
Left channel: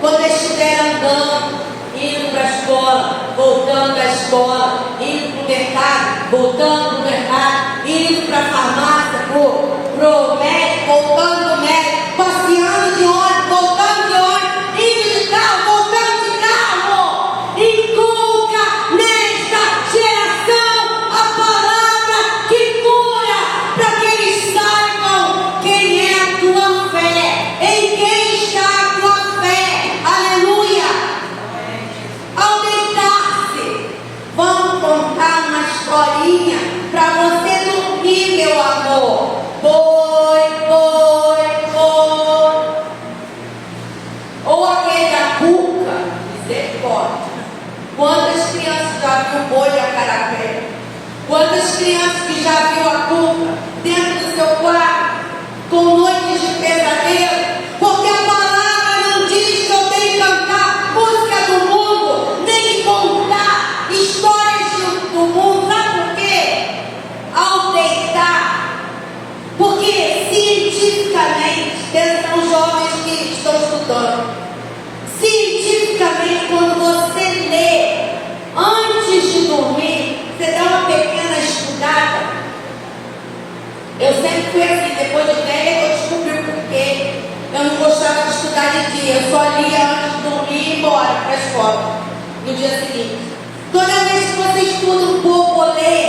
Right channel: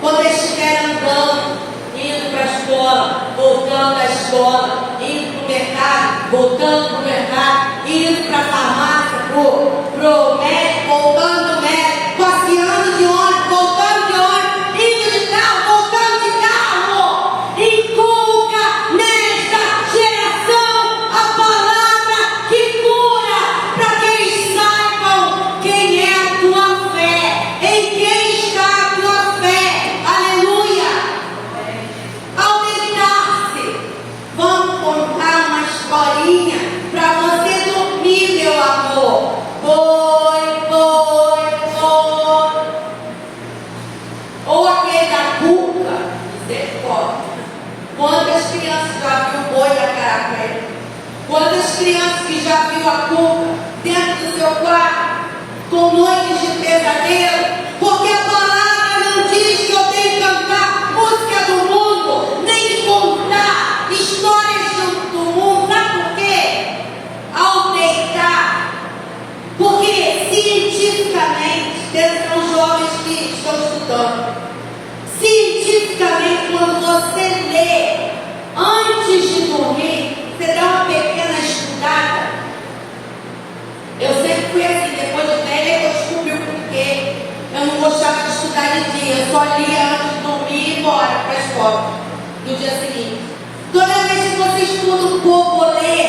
quando estiver andando, indo para a escola, voltando da escola, indo para o mercado, voltando para o mercado, indo para a farmácia, para o médico, voltando do médico, passeando de ônibus, voltando de ônibus, indo de carro, voltando de carro. Inculca nesta geração a palavra que cura, para que eles saibam quem é a tua fé, em quem está a tua fé. Aleluia! Ao deitar-se, vamos contar uma historinha para você dormir, meu amor. Boi. Ou aquele da cuca, misericórdia. Quantas crianças já viu o boi da carapé? Quantas crianças que já viu a cuca dentro do seu quarto, com noites de pesadelo? Porque a palavra não diz que eu tenho que cantar música do mundo, nem contar histórias do mundo. Sabe por quê? Ao deitar, porque cientificamente, são jovens que estão estudando, cientificamente, quando você lê antes de dormir, você dá uma pequena estudada. Eu sempre fui assim, depois de velha eu descobri o porquê. Eu não gostava de estudar de dia, eu só lia antes de dormir e ir embora para a escola no dia seguinte. Toda vez que você estuda um pouco ou lê,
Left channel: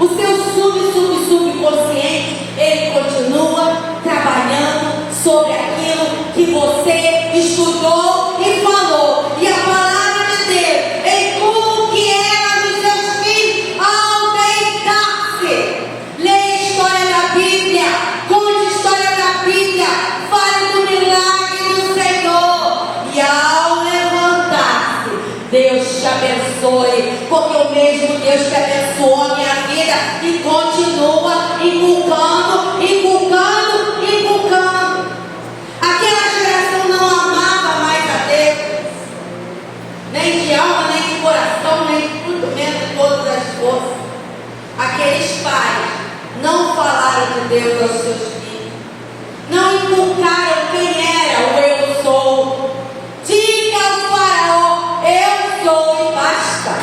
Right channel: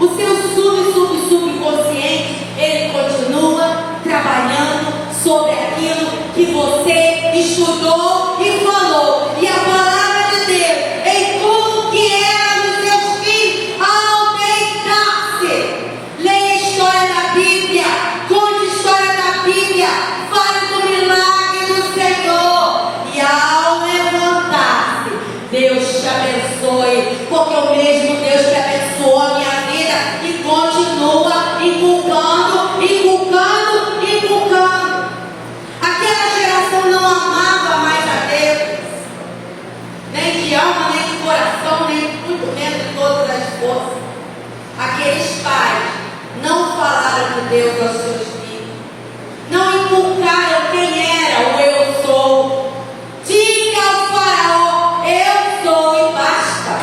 o seu subconsciente, ele continua trabalhando sobre aquilo que você estudou e falou. E a palavra de Deus, em tudo que era dos seus filhos, ao deitar-se, leia a história da Bíblia, conte a história da Bíblia, fale do milagre do Senhor. E ao levantar-se, Deus te abençoe, porque o mesmo Deus que abençoou a minha vida e continua inculcando. Aquela geração não amava mais a Deus, nem de alma, nem de coração, nem de tudo, menos de todas as forças. Aqueles pais não falaram de Deus aos seus filhos, não inculcaram quem era o eu sou. Diga ao faraó, eu sou e basta,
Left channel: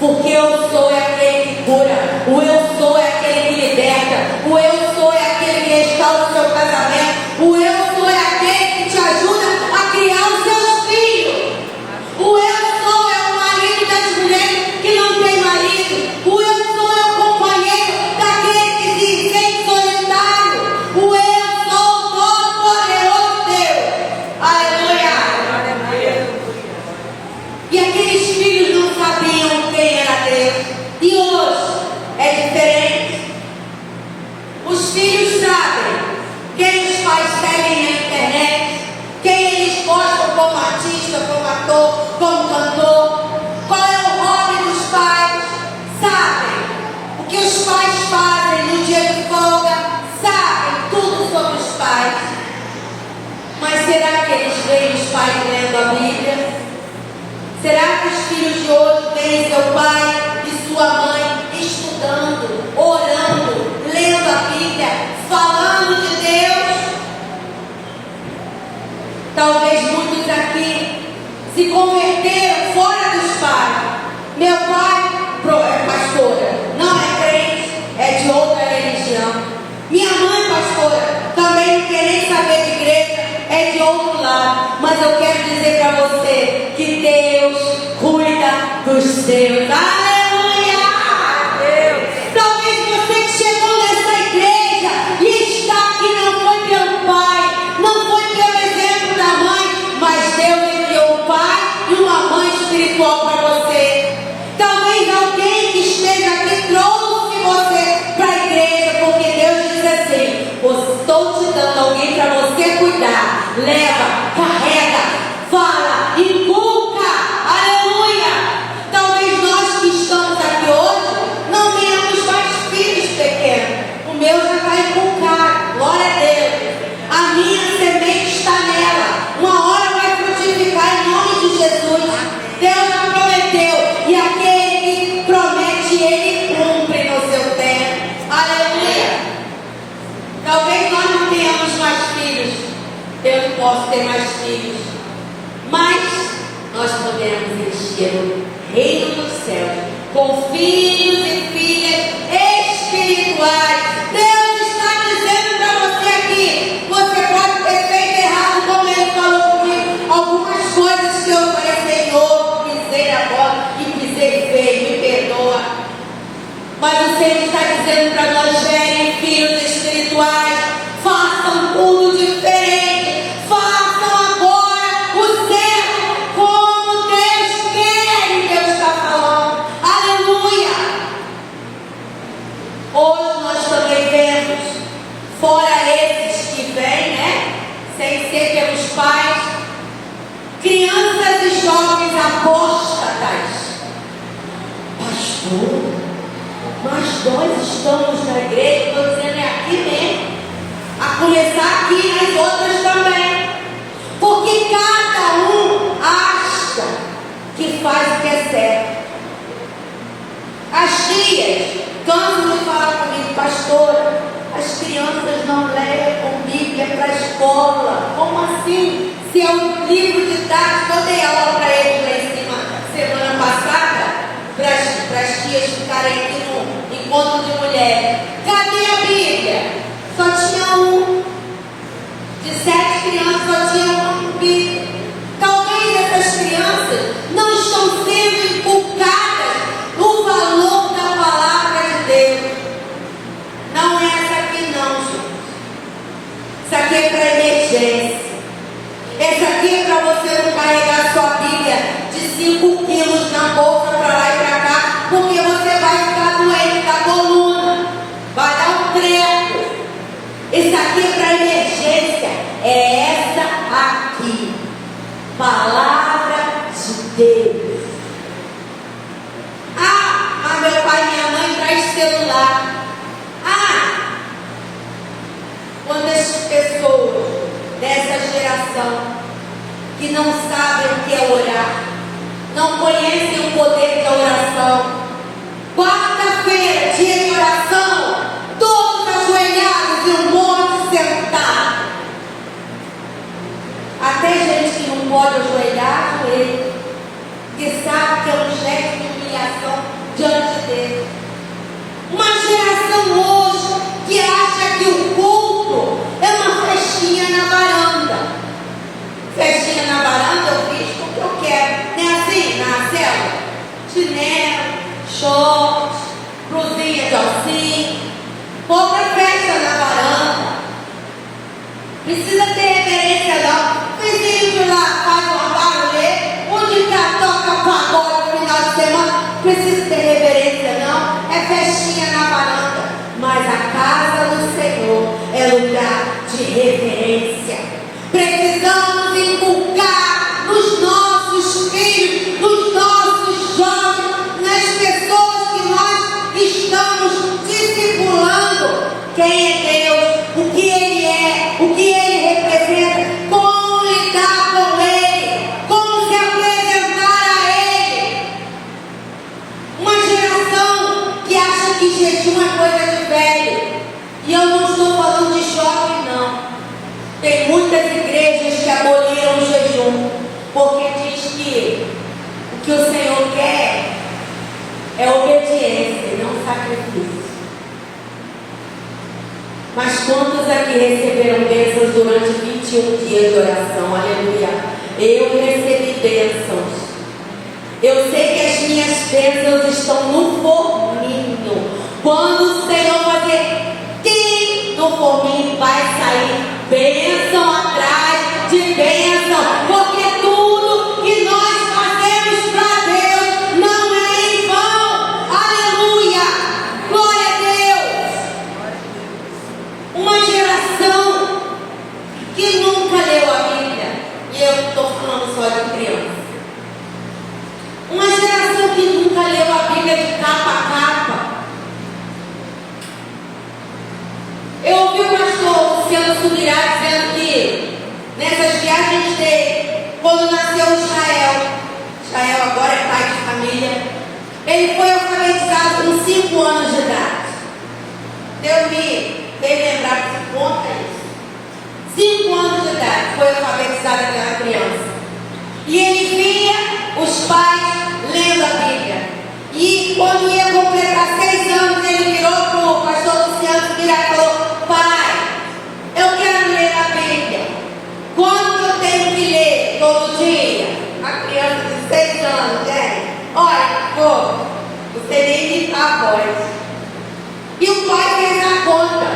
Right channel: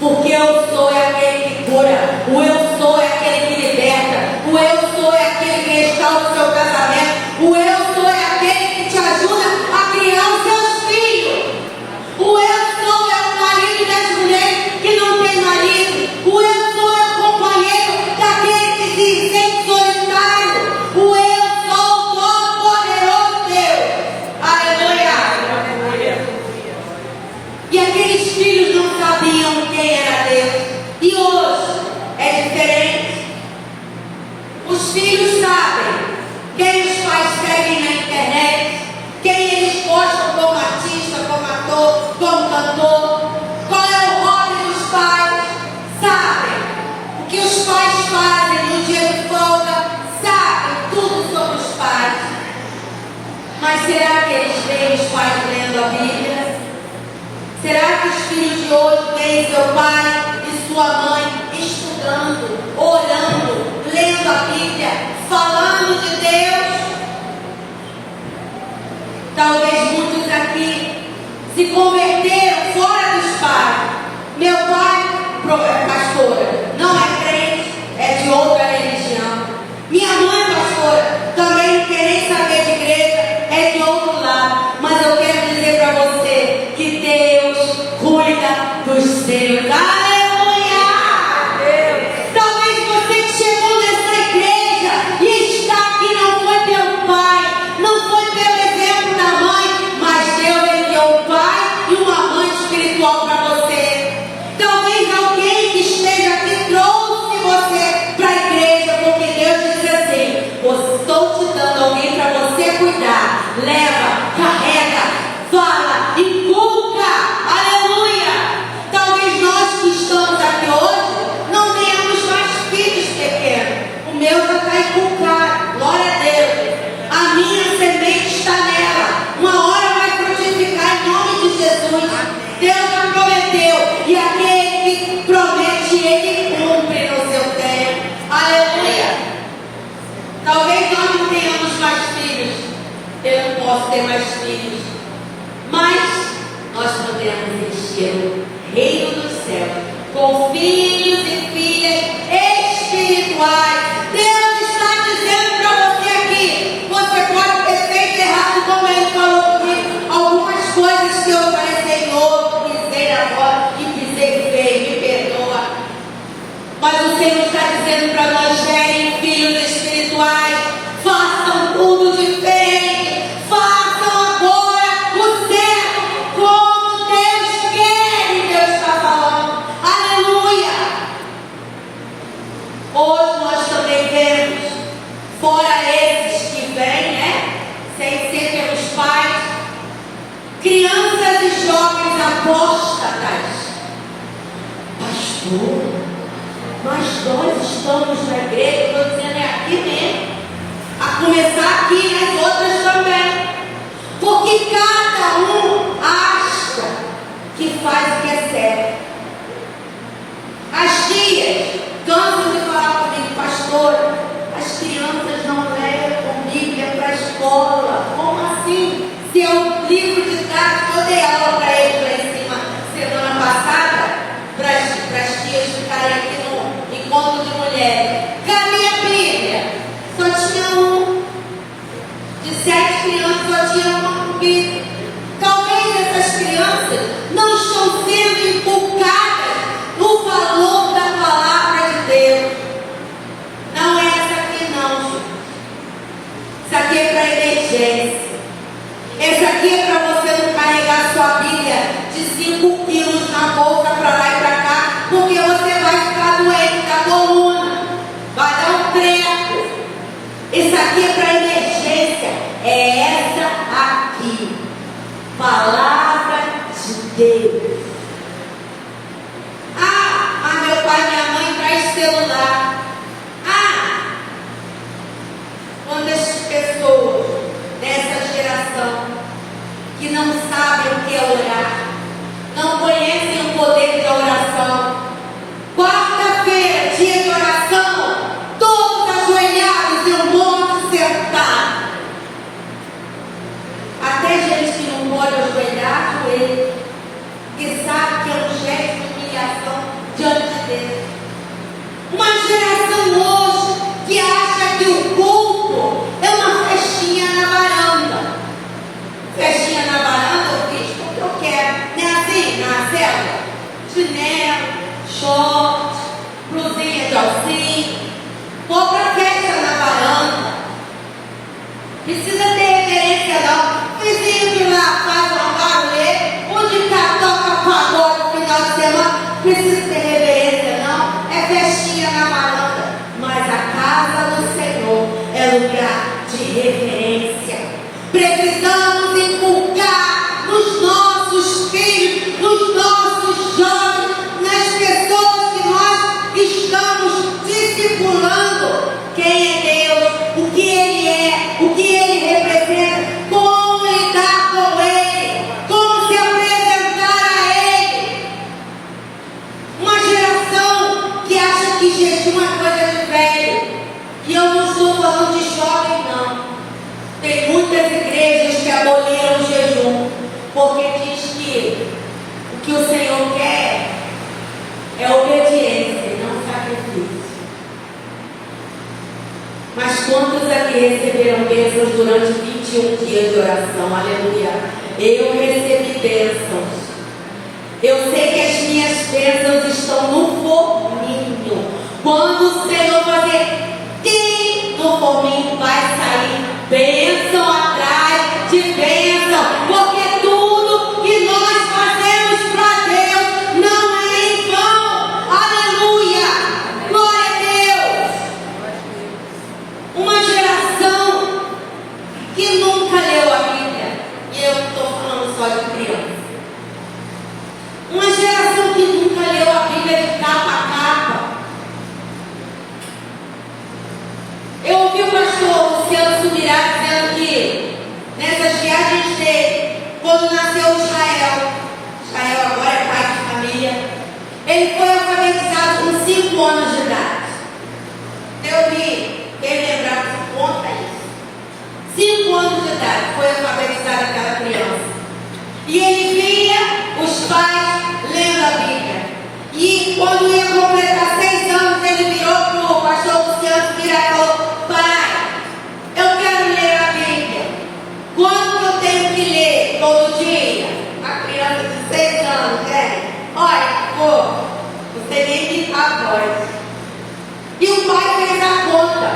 porque eu sou é aquele que cura, o eu sou é aquele que liberta, o eu sou é aquele que restaura o seu casamento, o eu sou é aquele que te ajuda a criar os seus filhos. O eu sou é o marido das mulheres que não tem marido. O eu sou é o companheiro daquele que se sente solitário. O eu sou o todo-poderoso Deus. Aleluia. E aqueles filhos não sabiam quem era Deus. E hoje é diferente. Os filhos sabem quem os pais seguem na internet, quem eles gostam como artista, como ator, como cantor, qual é o hobby dos pais, sabem o que os pais fazem no dia de folga, sabem tudo sobre os pais. Mas será que eles veem os pais lendo a Bíblia? Será que os filhos de hoje veem seu pai e sua mãe estudando, orando, lendo a Bíblia, falando de Deus? se converteram fora dos pais. Meu pai, pastora, não é crente, é de outra religião. Minha mãe, pastora, também não quer nem saber de igreja, é de outro lado. Mas eu quero dizer para você que Deus cuida dos seus. Aleluia! Talvez você que chegou nessa igreja e está aqui não foi pelo pai, não foi pelo exemplo da mãe, mas Deus enviou um pai e uma mãe espiritual para você. Talvez alguém que esteja aqui trouxe você para a igreja, porque Deus diz assim: estou te dando alguém para você cuidar. Leva, carrega, fala, inculca. Aleluia! Talvez nós que estamos aqui hoje não tenhamos mais filhos pequenos. O meu já está inculcado, glória a Deus. A minha semente está nela. Uma hora vai frutificar em nome de Jesus. Deus já prometeu, e aquele que promete, ele cumpre no seu tempo. Aleluia! Talvez nós não tenhamos mais filhos. Eu não posso ter mais filhos, mas nós podemos investir no reino dos céus com filhos e filhas espirituais. Deus está dizendo para você aqui: você pode ter feito errado, como ele falou comigo, algumas coisas que eu falei, Senhor, pisei agora e pisei feio, me perdoa. Mas o Senhor está dizendo para nós: gerem filhos espirituais, façam tudo diferente, façam agora o certo, como Deus quer e Deus está falando. Aleluia! Hoje nós também vemos, fora esses que vêm, né, sem ser pelos pais, crianças e jovens apóstatas. Pastor, mas nós estamos na igreja, estou dizendo, é aqui mesmo, a começar aqui nas outras também, porque cada um acha que faz o que é certo. As tias cansam de falar comigo: pastora, as crianças não levam Bíblia para a escola. Como assim? Se é um livro de dados que eu dei aula para eles lá em cima semana passada, para as tias ficarem aqui no encontro de mulheres. Cadê a Bíblia? Só tinha um. De 7 crianças, só tinha uma Bíblia. Talvez essas crianças não estão sendo inculcadas no valor da palavra de Deus. Não é essa aqui não, gente. Isso aqui é para emergência. Esse aqui é para você não carregar sua Bíblia de 5 quilos na bolsa para lá e para cá, porque você vai ficar doente da coluna, vai dar um treco. Isso aqui é para emergência. É essa aqui, palavra de Deus. Ah, mas meu pai e minha mãe traz celular. Ah, quantas pessoas dessa geração que não sabem o que é orar, não conhecem o poder da oração. Quarta-feira, dia de oração, todos ajoelhados e um monte sentado. Até gente que não pode ajoelhar, ajoelha, que sabe que é um gesto de humilhação diante de Deus. Uma geração hoje que acha que o culto é uma festinha na varanda. Festinha na varanda eu fiz porque eu quero. Não é assim, na célula? Chinelo, short, blusinha de alcinha. Outra festa na varanda. Precisa ter reverência não. Vizinho de lá faz uma barulheira, onde cá toca pagode no final de semana. Precisa ter reverência não. É festinha na varanda. Mas a casa do Senhor é lugar de reverência. Precisamos inculcar nos nossos filhos, nos nossos jovens, nas pessoas que nós estamos discipulando quem é Deus, o que Ele é, o que Ele representa, como lidar com Ele, como se apresentar a Ele. Uma geração que acha que jejum é coisa de velho. E eu não estou falando de jovem, não. Tem muitas igrejas que aboliram o jejum. porque diz que o que o Senhor quer é obediência e não sacrifício. Mas quantos aqui receberam bênçãos durante 21 dias de oração? Aleluia. Eu recebi bênçãos. Eu sei que as minhas bênçãos estão no forminho. Quando o Senhor fazer tim no forminho, vai sair bênção atrás de bênção. Porque tudo que nós fazemos para Deus não é em vão. Aleluia. Glória a Deus. Uma geração que nunca leu a Bíblia. E eu não estou falando só de criança. Uma geração que nunca leu a Bíblia de capa a capa. Eu ouvi o pastor Luciano Subirá dizendo que nessas viagens dele, quando nasceu Israel agora é pai de família, ele foi alfabetizado com 5 anos de idade. Deus me fez lembrar que conta isso. 5 anos de idade foi alfabetizada aquela criança. E ele via os pais lendo a Bíblia. E quando ia completar 6 anos, ele virou para o pastor Luciano Subirá e falou: pai, eu quero ler a Bíblia. Quanto eu tenho que ler todo dia? A criança de 6 anos, né? Olha, pô, você nem me dá a voz. E o pai fez a conta.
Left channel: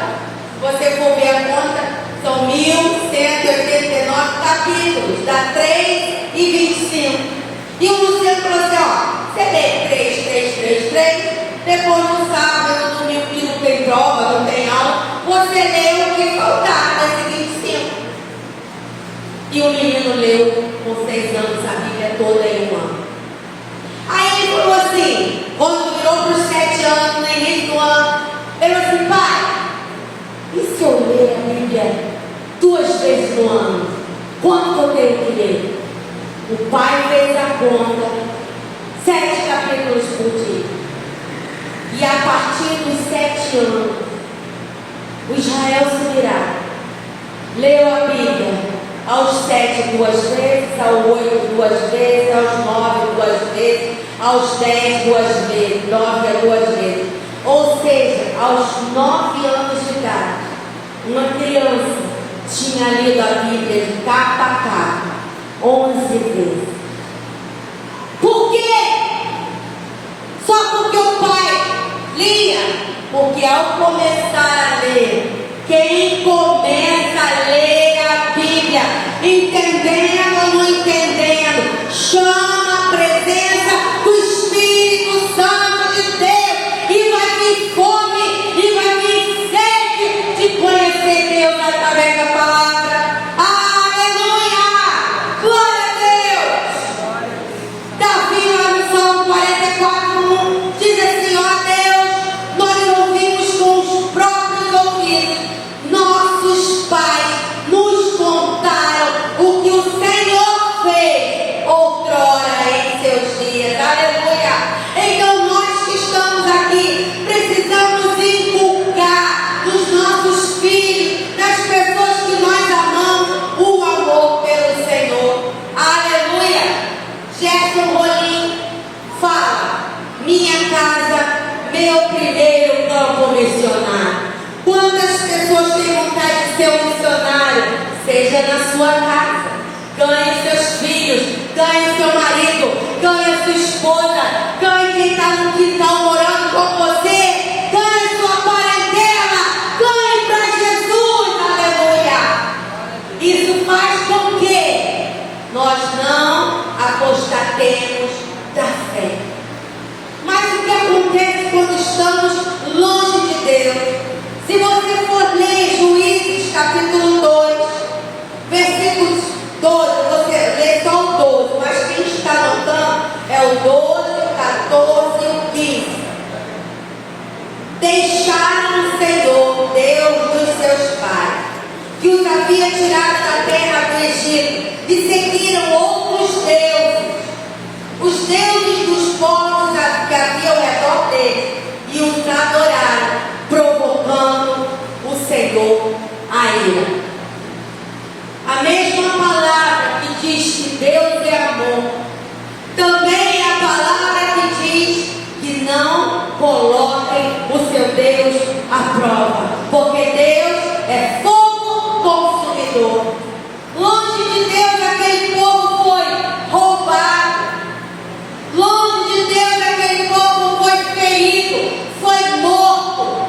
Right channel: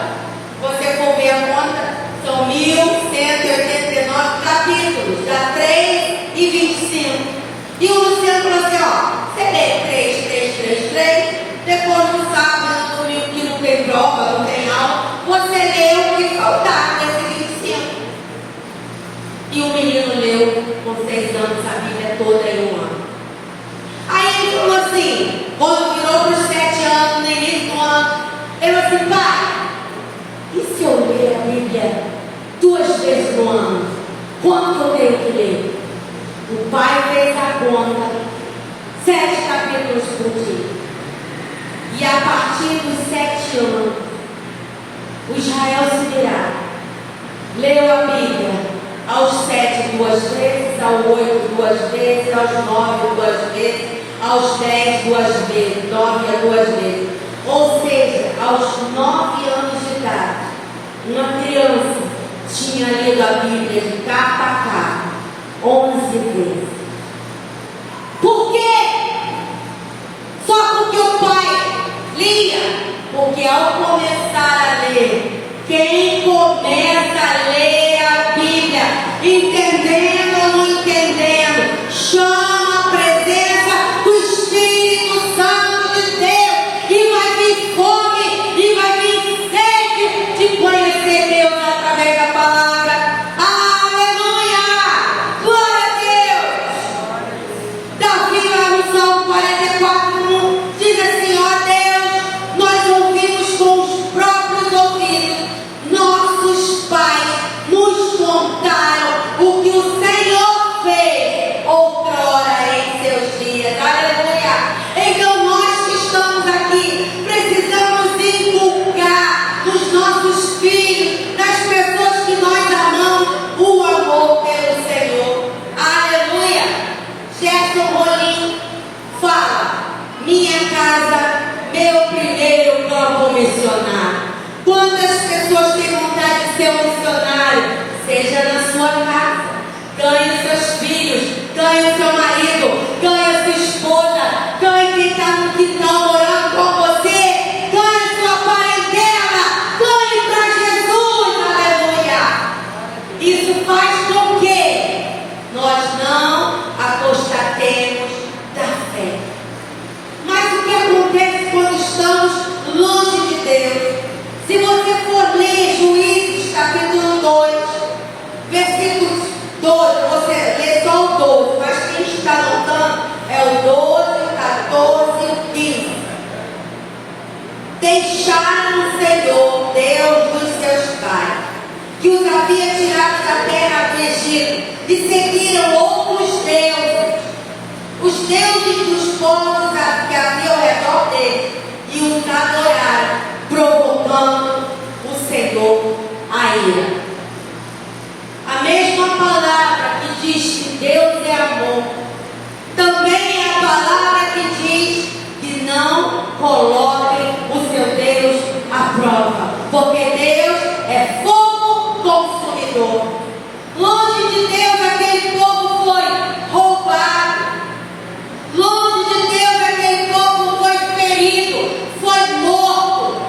Se você for ver a conta, são 1189 capítulos, dá 3:25. E o Luciano falou assim: ó, você lê 3, depois no sábado, no domingo que não tem prova, não tem aula, você lê o que faltar, vai ser 25. E o menino leu com 6 anos a Bíblia toda em 1 ano. Aí ele falou assim, quando virou para os 7 anos, no início do ano, ele falou assim: pai, e se eu ler a Bíblia 2 vezes no ano? Quanto eu tenho que ler? O pai fez a conta, 7 capítulos por dia. E a partir dos 7 anos, o Israel Subirá leu a Bíblia aos 7 2 vezes, aos 8 2 vezes, aos 9 2 vezes, aos 10 2 vezes, 9 2 vezes. Ou seja, aos 9 anos de idade, uma criança tinha lido a Bíblia de capa a capa 11 vezes. Por quê? Só porque o pai lia. Porque ao começar a ler, quem começa a ler a Bíblia, entendendo ou não entendendo, chama a presença do Espírito Santo de Deus, e vai vir fome, e vai vir sede de conhecer Deus através da palavra. Nossos pais nos contaram o que o Senhor fez outrora em seus dias. Aleluia! Então nós que estamos aqui precisamos inculcar nos nossos filhos, nas pessoas que nós amamos, o amor pelo Senhor. Aleluia! Gerson Rolim fala: minha casa, meu primeiro campo missionário. Quantas pessoas têm vontade de ser um missionário? Seja na sua casa. Ganhe seus filhos, ganhe seu marido, ganhe sua esposa, ganhe quem está no quintal morando com você, ganhe sua parentela, ganhe para Jesus. Aleluia! Isso faz com que nós não apostatemos da fé. Mas o que acontece quando estamos longe de Deus? Se você for ler Juízes capítulo 2, versículos 12, você lê só o 12, mas quem está anotando é o 12, 14 e o 15. Deixaram o Senhor, Deus dos seus pais, que os havia tirado da terra do Egito, e seguiram outros deuses, os deuses dos povos que havia ao redor deles, e os adoraram, provocando o Senhor a ira. A mesma palavra que diz que Deus é amor. Também é a palavra que diz que não coloquem o seu Deus à prova, porque Deus é fogo consumidor. Longe de Deus aquele povo foi roubado. Longe de Deus aquele povo foi ferido, foi morto,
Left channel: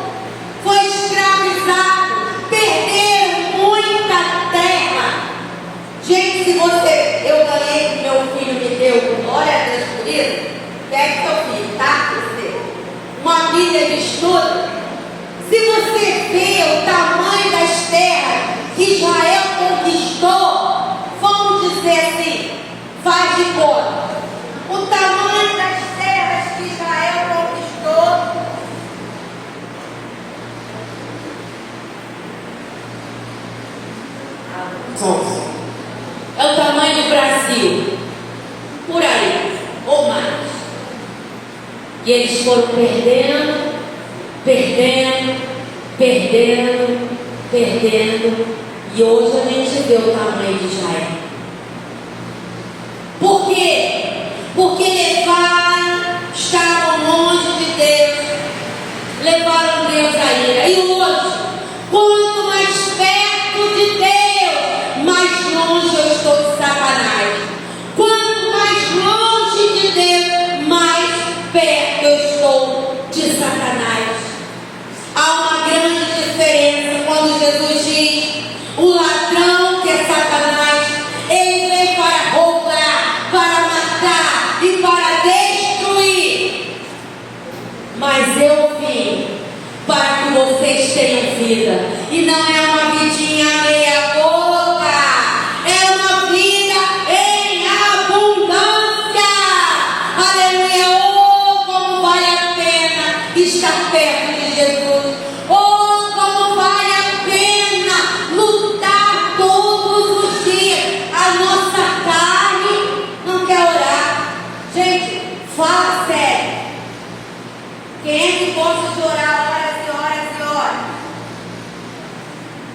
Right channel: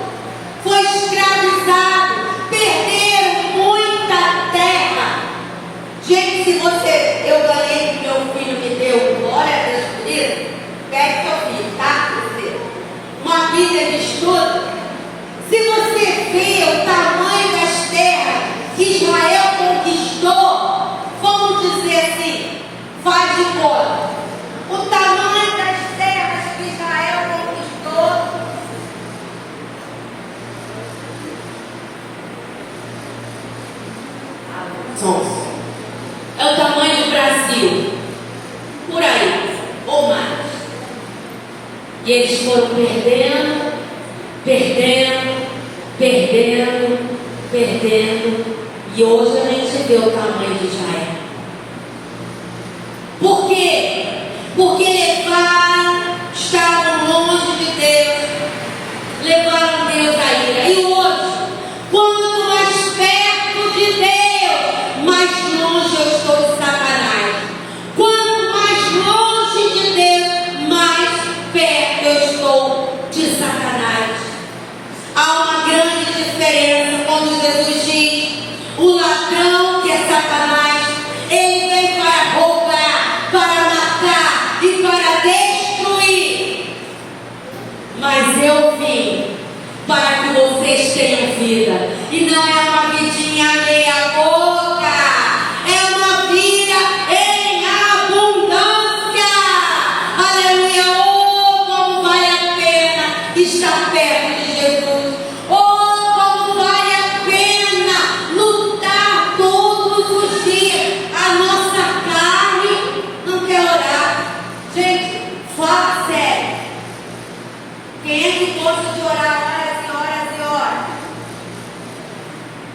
foi escravizado, perderam muita terra. Gente, se eu ganhei que meu filho me deu, glória a Deus por isso, pegue seu filho, tá? Uma Bíblia de estudo. Se você vê o tamanho das terras que Israel conquistou, vamos dizer assim, faz de conta. O tamanho das terras que Israel conquistou. É o tamanho do Brasil, por aí, ou mais. E eles foram perdendo, e hoje a gente vê o tamanho de Israel. Por quê? Porque estavam longe de Deus, levaram Deus à ira. E hoje, quanto mais perto de Deus, mais longe eu estou de Satanás. Quanto mais longe de Deus, mais perto eu estou de Satanás. Há uma grande diferença quando Jesus diz: o ladrão, que é Satanás, ele vem para roubar, para matar e para destruir. Mas eu vim para que vocês tenham vida. E não é uma vidinha meia boca, é uma vida em abundância. Aleluia! Oh, como vale a pena estar perto de Jesus. Oh, como vale a pena lutar todos os dias. A nossa carne não quer orar. Gente, fala sério. Quem é que gosta de orar horas e horas e horas?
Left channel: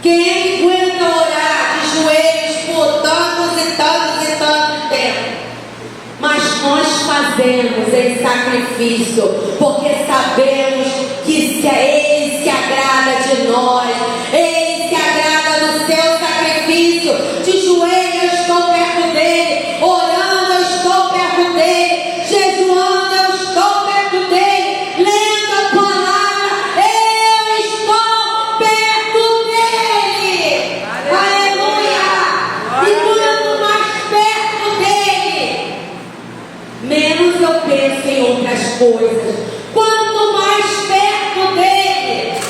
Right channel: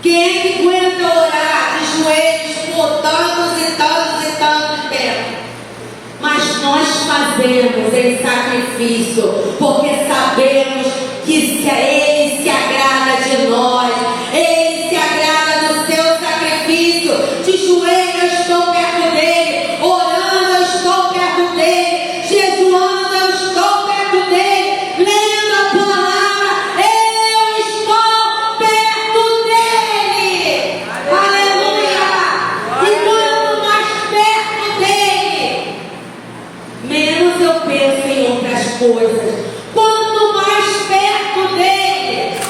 Quem é que aguenta orar de joelhos por tantos e tantos e tantos tempos? Mas nós fazemos em sacrifício, porque sabemos que Ele se agrada de nós, Ele se agrada do seu sacrifício. De joelho eu estou perto dele, orando eu estou perto dele, jejuando eu estou perto dele, lendo a palavra eu estou perto dele. Aleluia! E quanto mais perto dele, menos eu penso em outras coisas. Quanto mais perto dele,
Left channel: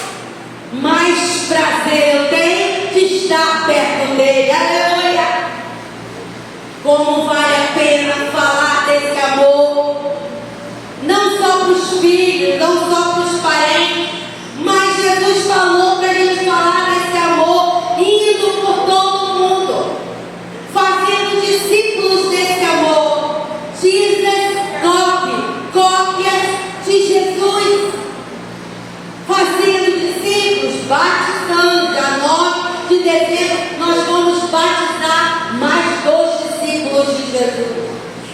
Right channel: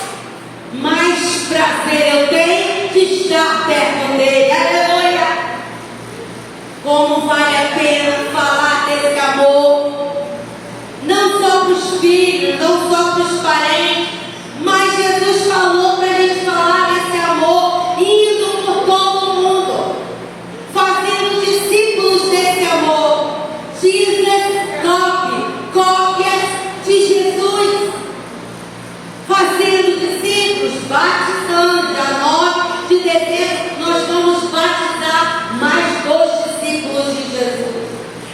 mais prazer eu tenho de estar perto dele. Aleluia! Como vale a pena falar desse amor, não só para os filhos, não só para os parentes, mas Jesus falou para a gente falar desse amor, indo por todo o mundo, fazendo discípulos desse amor. Jesus, cópias de Jesus, fazendo discípulos, batizando. Dia 9 de dezembro nós vamos batizar mais 2 discípulos de Jesus,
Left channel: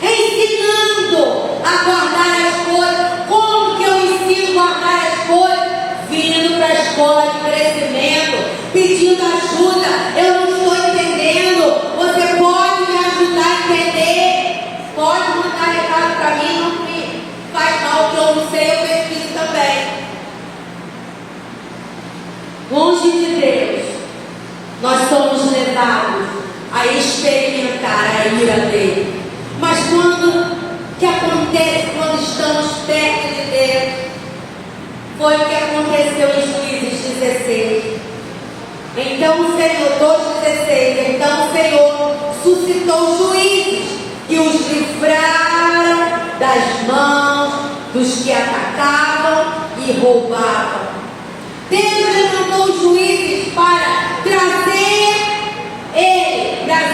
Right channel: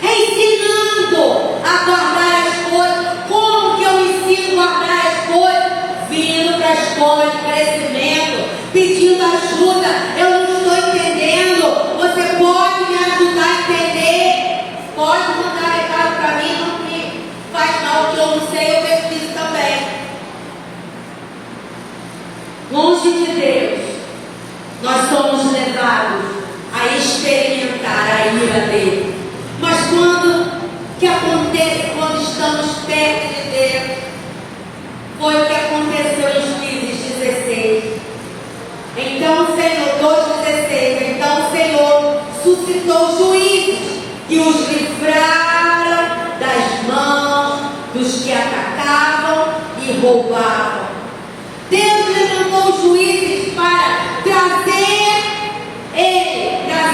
ensinando a guardar as coisas. Como que eu ensino a guardar as coisas? Vindo para a escola de crescimento, pedindo ajuda. Eu não estou entendendo, você pode me ajudar a entender? Pode mandar recado para mim, não me faz mal, que eu não sei, eu pesquiso também. Longe de Deus, nós somos levados a experimentar a ira dele. Mas quando que acontece quando estamos perto de Deus? Foi o que aconteceu em Juízes 16. Então o Senhor, 2:16, então o Senhor suscitou juízes e os livraram das mãos dos que atacavam e roubavam. Deus levantou juízes para trazer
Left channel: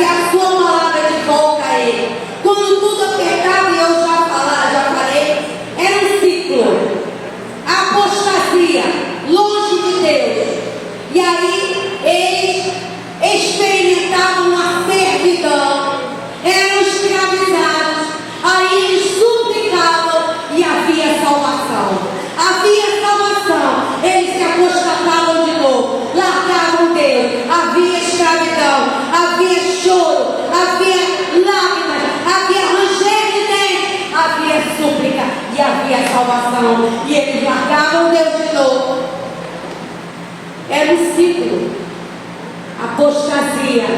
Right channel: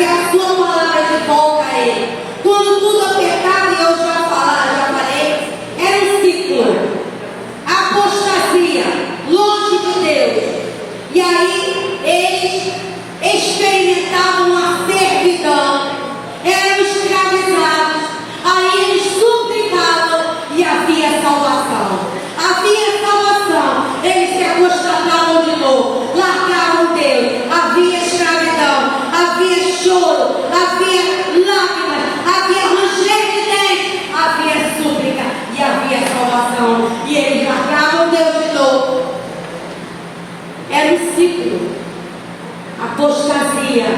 a sua palavra de volta a ele. Quando tudo apertava, e eu já falei, era um ciclo, apostasia, longe de Deus. E aí eles experimentavam uma servidão, eram apostasia,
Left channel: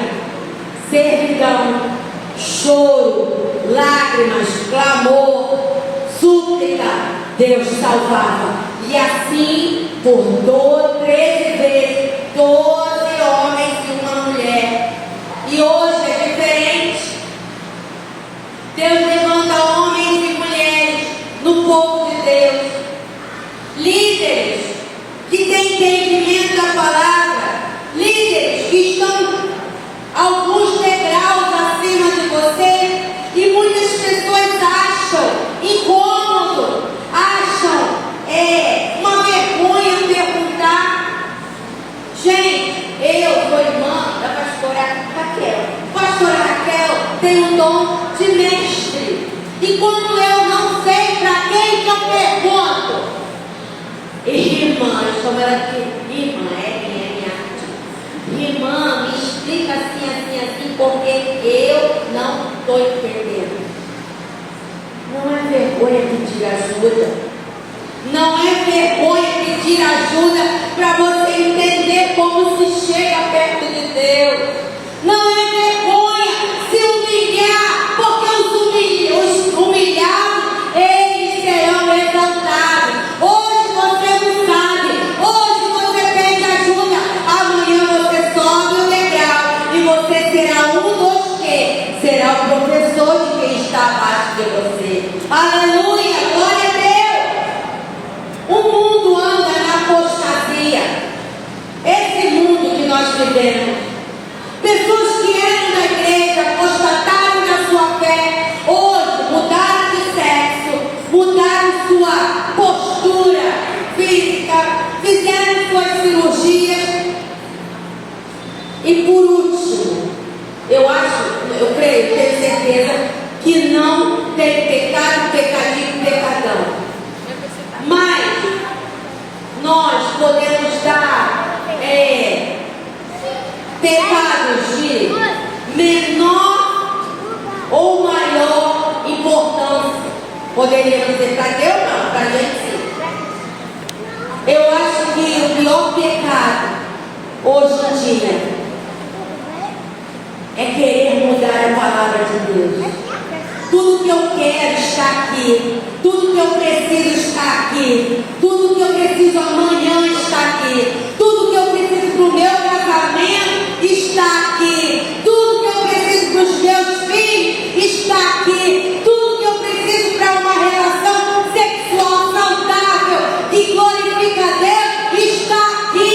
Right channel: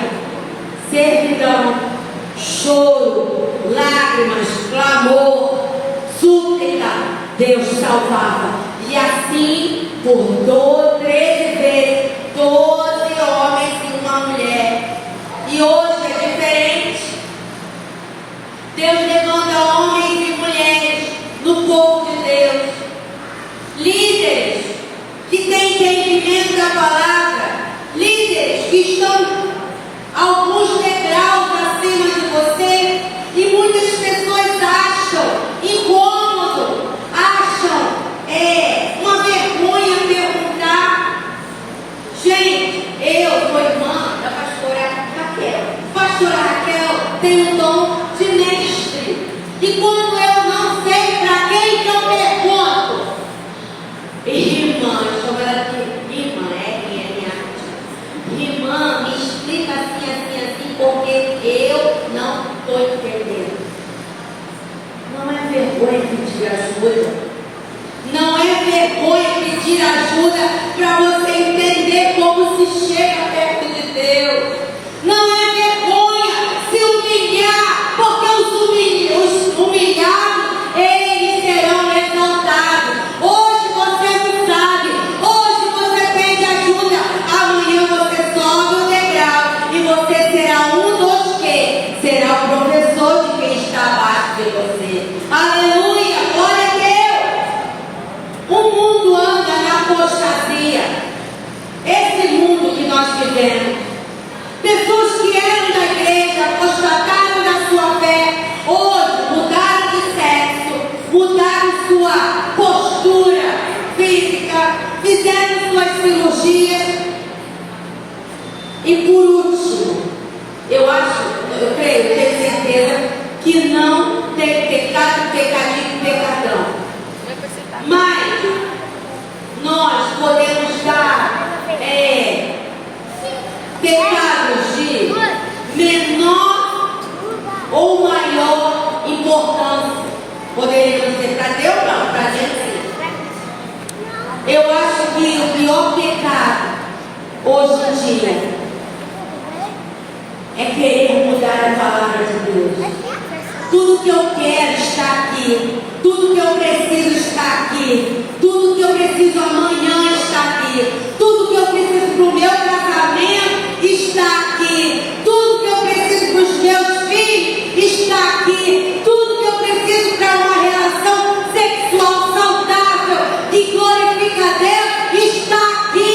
servidão, choro, lágrimas, clamor, súplica, Deus salvava. E assim, por 13 vezes, 12 homens e uma mulher. E hoje é diferente. Deus levanta homens e mulheres no povo de Deus, líderes que têm entendimento da palavra, líderes que estão alguns degraus acima de você, e muitas pessoas acham incômodo, acham uma vergonha perguntar. Gente, eu sou irmã da pastora Raquel. Pastora Raquel tem um dom de mestre, e quando eu não sei para quem que eu pergunto, irmã, eu chamo ela de irmã, minha irmã, me explica assim, porque eu não estou entendendo. Não é vergonha pedir ajuda. Não é vergonha pedir ajuda para você entender como se chega perto de Deus. Não é vergonha se humilhar, porque os humilhados, eles serão exaltados. Hoje você não sabe, hoje você pede ajuda, amanhã você sobe o degrau e você será um dos que? Será o professor de quem está abaixo de você. Aleluia, glória a Deus. O mundo anda na apostasia. Esse mundo que nós vivemos. Pessoas que eram da igreja, apostataram na sua fé, hoje mudaram de sexo, mudaram sua postura física, fizeram suas cirurgias. E por último, eu creio, tenho certeza que não tem pecado, pecadinho, pecadão. Mas nós podemos dar pecados de menor ou maior importância. Poderíamos dizer para Deus, não, para a gente sim. Eu acho que o pior pecado hoje em dia é querer mudar a palavra de Deus. Tudo que eu quero está aqui, tudo que eu preciso está aqui, tudo que eu preciso amanhã está aqui, tudo que eu preciso para o meu casamento está aqui, tudo que eu preciso para os meus filhos está aqui, tudo que eu preciso para uma relação sexual saudável que glorifica a Deus está aqui,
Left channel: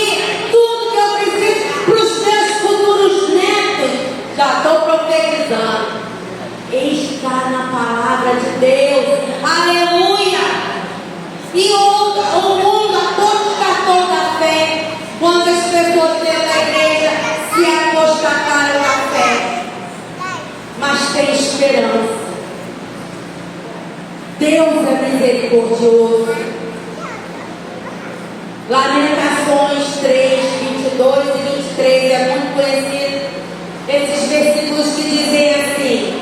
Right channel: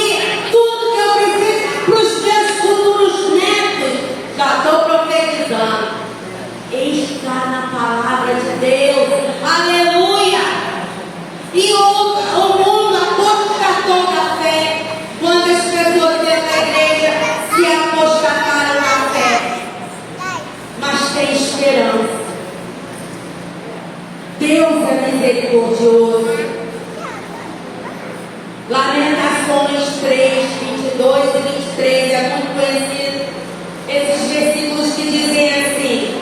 tudo que eu preciso para os meus futuros netos, já estou profetizando, está na palavra de Deus. Aleluia! E o mundo apostatou da fé quando as pessoas dentro da igreja se apostataram na fé. Mas tem esperança. Deus é misericordioso. Lamentações 3, 22 e 23 é muito conhecido. Esses versículos que dizem assim:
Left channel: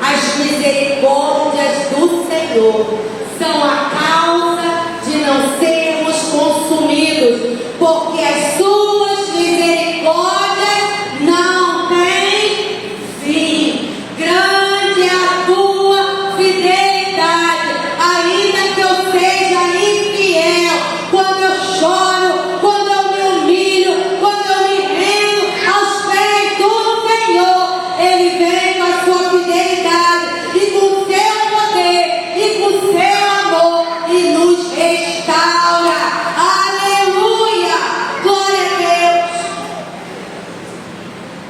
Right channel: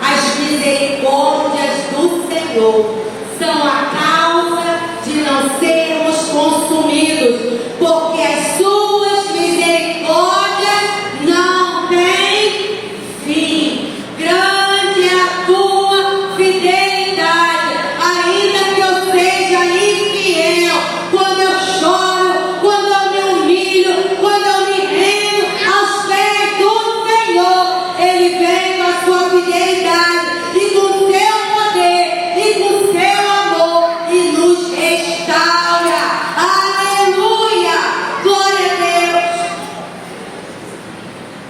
as misericórdias do Senhor são a causa de não sermos consumidos, porque as suas misericórdias não têm fim. Grande é a tua fidelidade, ainda que eu seja infiel. Quando eu choro, quando eu me humilho, quando eu me rendo aos pés do Senhor, Ele vem com a sua fidelidade e com o seu poder e com o seu amor e nos restaura. Aleluia! Glória a Deus!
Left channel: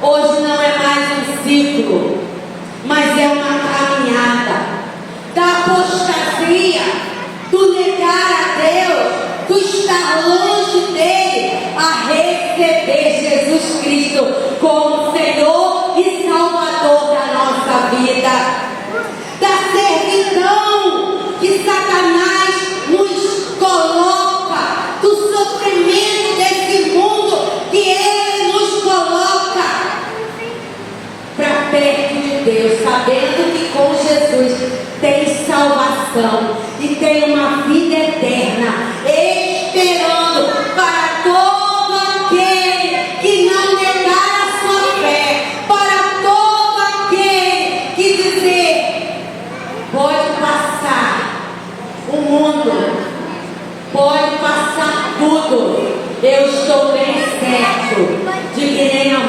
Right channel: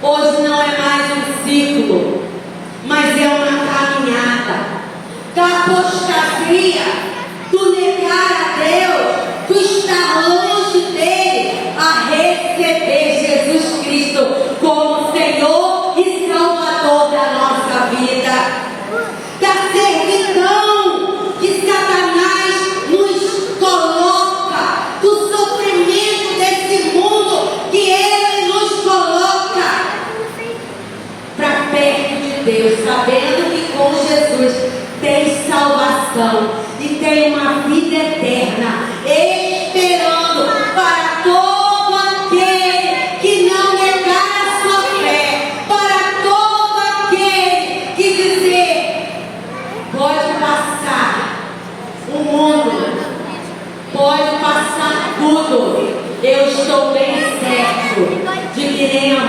Hoje não é mais um ciclo, mas é uma caminhada da apostasia, do negar a Deus, do estar longe dele, a receber Jesus Cristo como Senhor e Salvador da nossa vida, da servidão que Satanás nos coloca, do sofrimento desse mundo que ele nos coloca, para perto de Deus, sabendo que com Jesus tem salvação e tem uma vida eterna, esperando para todo aquele que não negar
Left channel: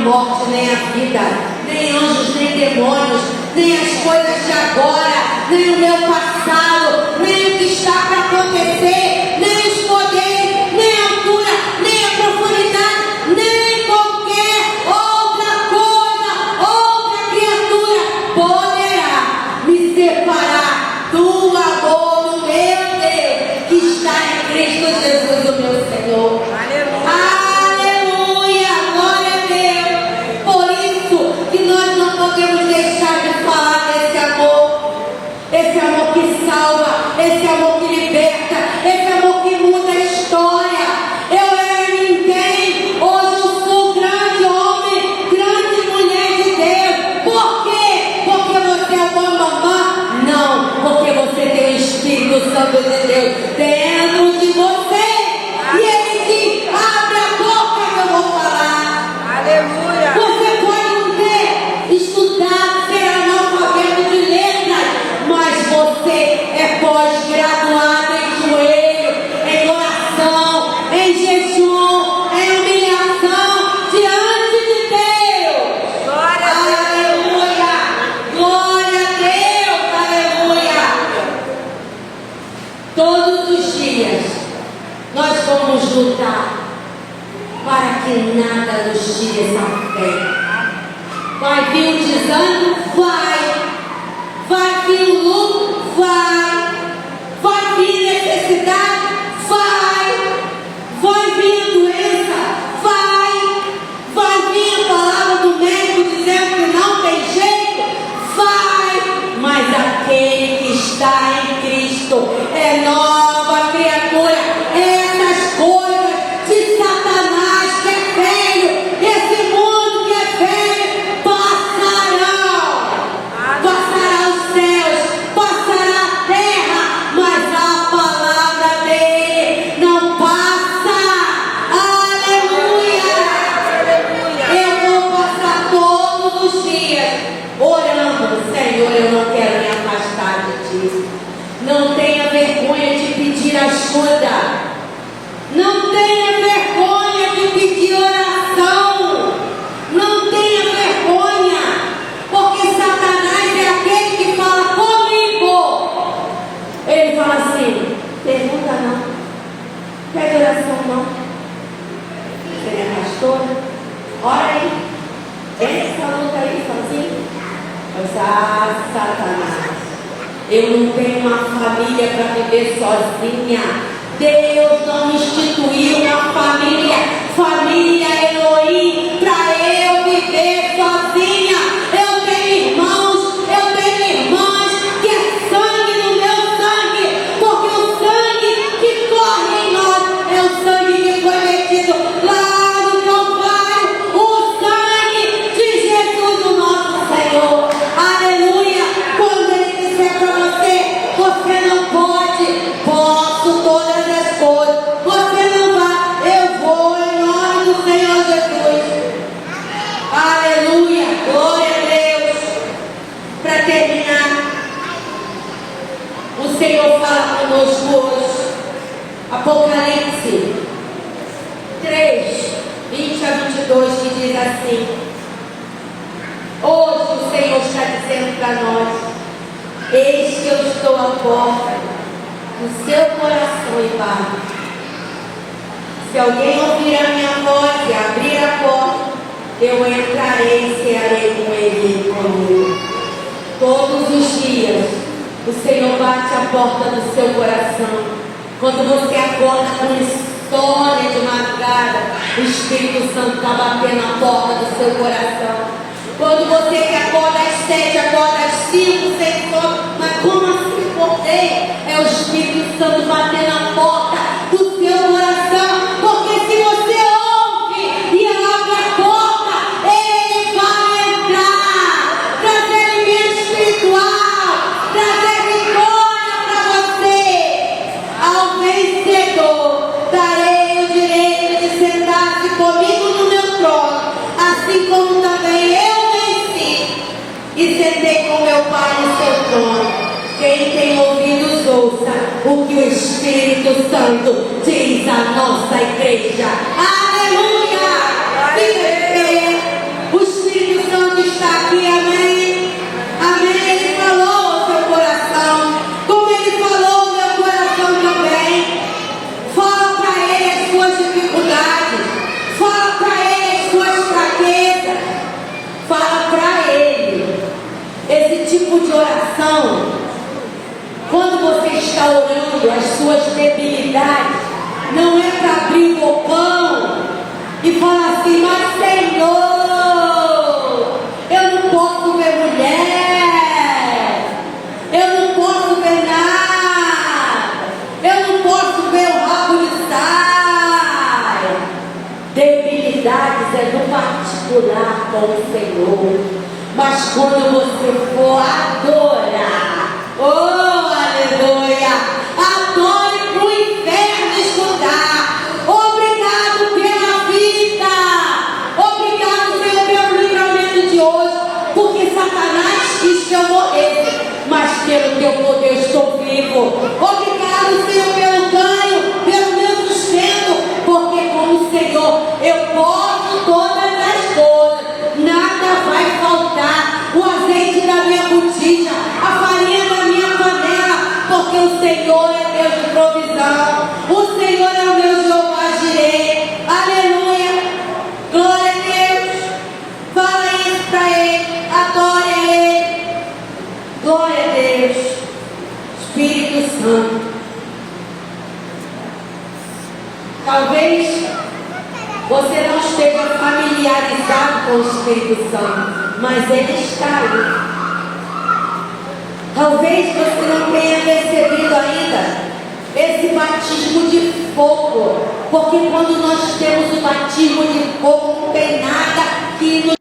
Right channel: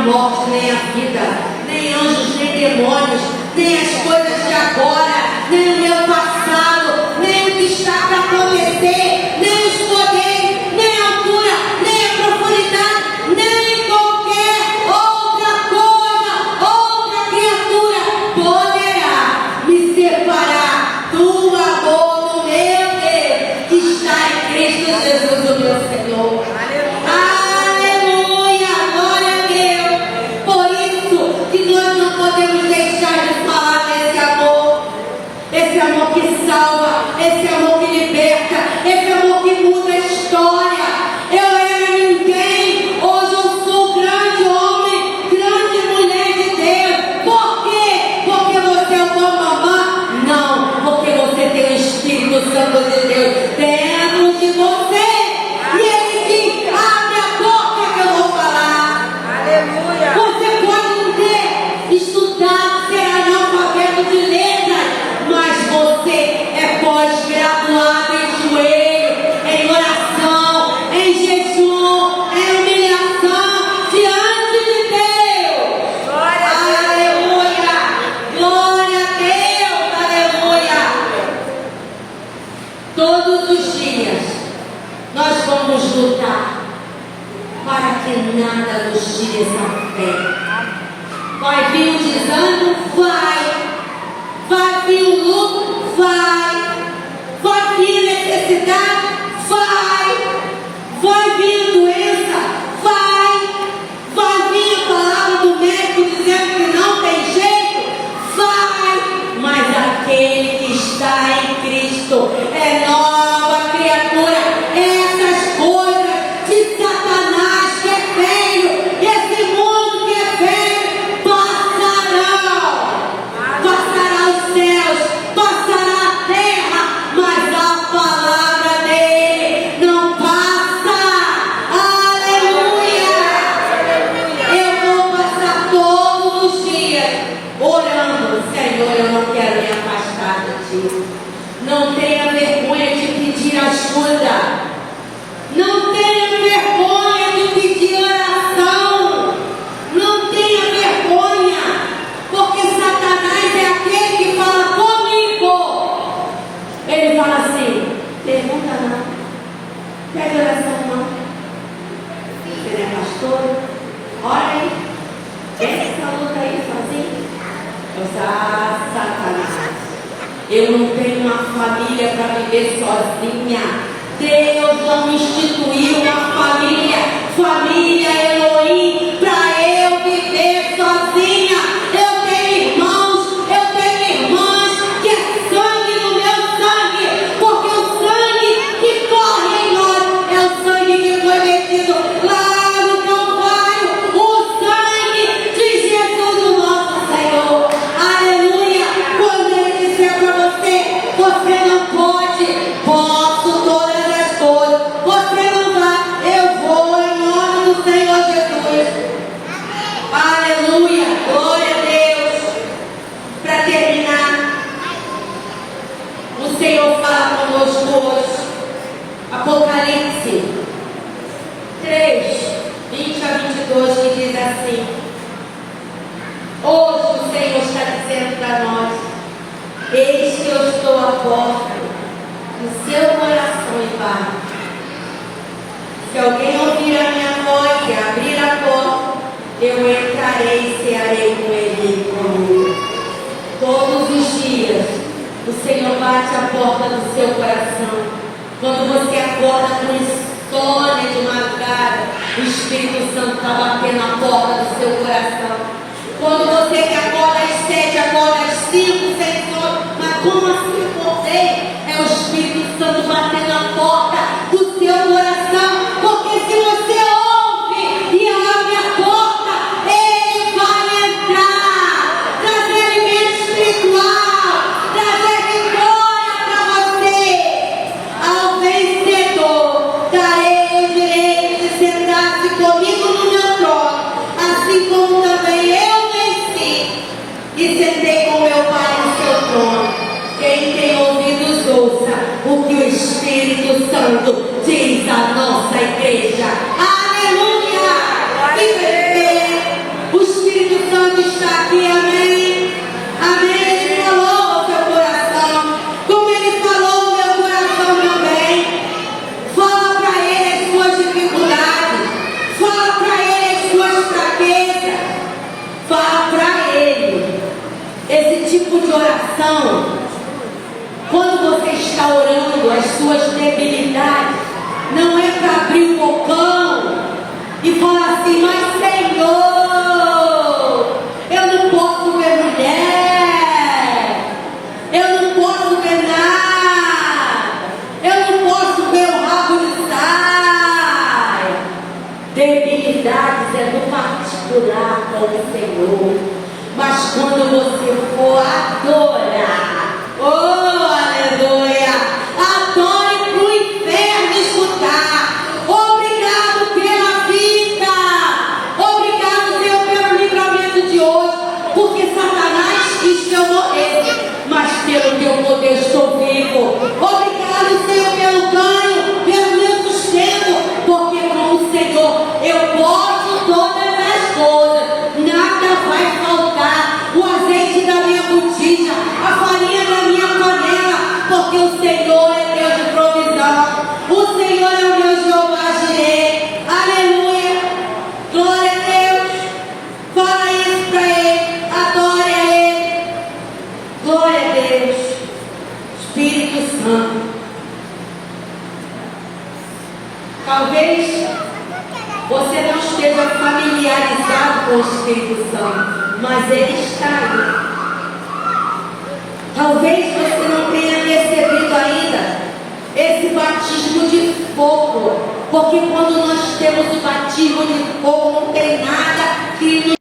morte, nem a vida, nem anjos, nem demônios, nem as coisas de agora, nem o meu passado, nem o que está para acontecer, nem os poderes, nem a altura, nem a profundidade, nem qualquer outra coisa, outra criatura poderá me separar do amor do meu Deus que está em Cristo Jesus, o meu Senhor. Aleluia, glória a Deus. Por isso que nós não podemos deixar de falar desse amor. Esse amor que salva, esse amor que liberta, esse amor que muda a história. Eu era ninguém, hoje eu sou grande homem, grande mulher de Deus. Por quê? Porque você é uma mamã? Não, porque você tem o Espírito Santo de Deus dentro de você. E ele diz: abre a boca que eu vou falar. Aleluia. Você pode não ter estudado, ser analfabeto de letras, mas você é pós-graduado em joelho, em oração, em jejum, em humilhação diante de Deus. Glória a Deus. Aleluia! Glória a Deus! Aleluia! Todos os dias nós vamos lutar para que nada nos tire essa fé. Vai vir o desânimo? Vai. Vai vir o luto? Vai. Vai vir necessidade? Vai. Vai vir a doença? Vai. Vai vir a palavra do médico dizendo que não tem jeito? Vai. Mas aquele que está em Cristo é nova criatura. Essas coisas de Satanás que é velho, esse mundo que é velho, passarão. Passará os céus, passará a terra, mas a palavra dele não passa. Aleluia! Eu vou passar todos os dias orando: Senhor, eu não quero me afastar de ti. Não tenha vergonha de pedir ajuda. Não tenha vergonha de pedir oração. Não tenha vergonha, porque Satanás é aquele que fala comigo. Ele fala assim: pergunta não, pede oração não. Você é pastora? Ora aí, essa luta aí sozinho. Eu disse: ah, Satanás, eu não tenho uma família para viver sozinha. Deus não instituiu uma família, família Elohim, para eu viver sozinha. Eu tenho irmãos, eu tenho irmãs, que é sangue no meu sangue, porque o sangue que corre em nós é o sangue que foi metido lá no Calvário, o sangue de Jesus, o nosso Senhor. Aleluia! Quando ele disser para você: você não pode, posso todas as coisas, você não vai, eu vou em nome do Senhor Jesus. Aleluia, glória a Deus. Para terminar, o Senhor fala conosco hoje. Apocalipse 3, 20 a 22, que diz assim: hoje o Senhor está dizendo para nós: eis que eu estou à porta do seu coração e bato. Se alguém ouvir a minha voz e abrir a porta, eu entrarei e cearei com ele e comigo. Todos os dias o Senhor bate a porta do seu coração. Quando você acorda com insônia de madrugada, o Espírito Santo está batendo a porta do seu coração. Quando você que acorda às 7, acorda às 5, sem sono, mas como assim eu acordei? É o Espírito Santo batendo a porta do seu coração. Porque se você ouve e abre a porta, ele vai entrar, trazer alimento espiritual, trazer vitória para você. Ao vencedor darei o direito de sentar-se comigo no meu trono, assim como também eu e sentei com meu Pai no seu trono. Quem tem ouvidos, ouça o que o Espírito Santo diz à nossa igreja. Aleluia! Fica de pé. está aqui, amém? Amém. Ele falou ao seu coração, como Ele falou ao meu coração também. Fala para Ele as suas dificuldades, fala para Ele as suas fraquezas, fala para Ele. Esse tipo de oração, quando você está orando as suas debilidades, não é para abrir o bocão e falar assim: mas Senhor, eu não posso ver mulher, eu não posso ver nada, eu não posso ver o rabo de saia. Debilidades é no particular com o Senhor. Mas quando você for adorar, oh aleluia, adore para o inferno escutar. Obrigado pela vida, obrigado Senhor pelo livramento de hoje, porque Satanás quis que eu morresse, mas pelo teu poder estou vivo. Obrigado Senhor pelo ganho, pelo meu sustento, porque com o Senhor eu posso todas as coisas. Nada vai faltar, o azeite da minha botija, a farinha da minha panela, porque o Senhor é Deus de provisão, o Senhor é o meu Jeová Jireh. Aleluia, glória a Deus. Fala isso para Ele, adore a Ele, glória a Deus. Espírito Santo, talvez você não esteja familiarizado com o Espírito Santo, mas Ele está aí. Talvez você não tenha percebido ainda esse batismo de fogo, porque quando nós temos o batismo de fogo, não tem nada que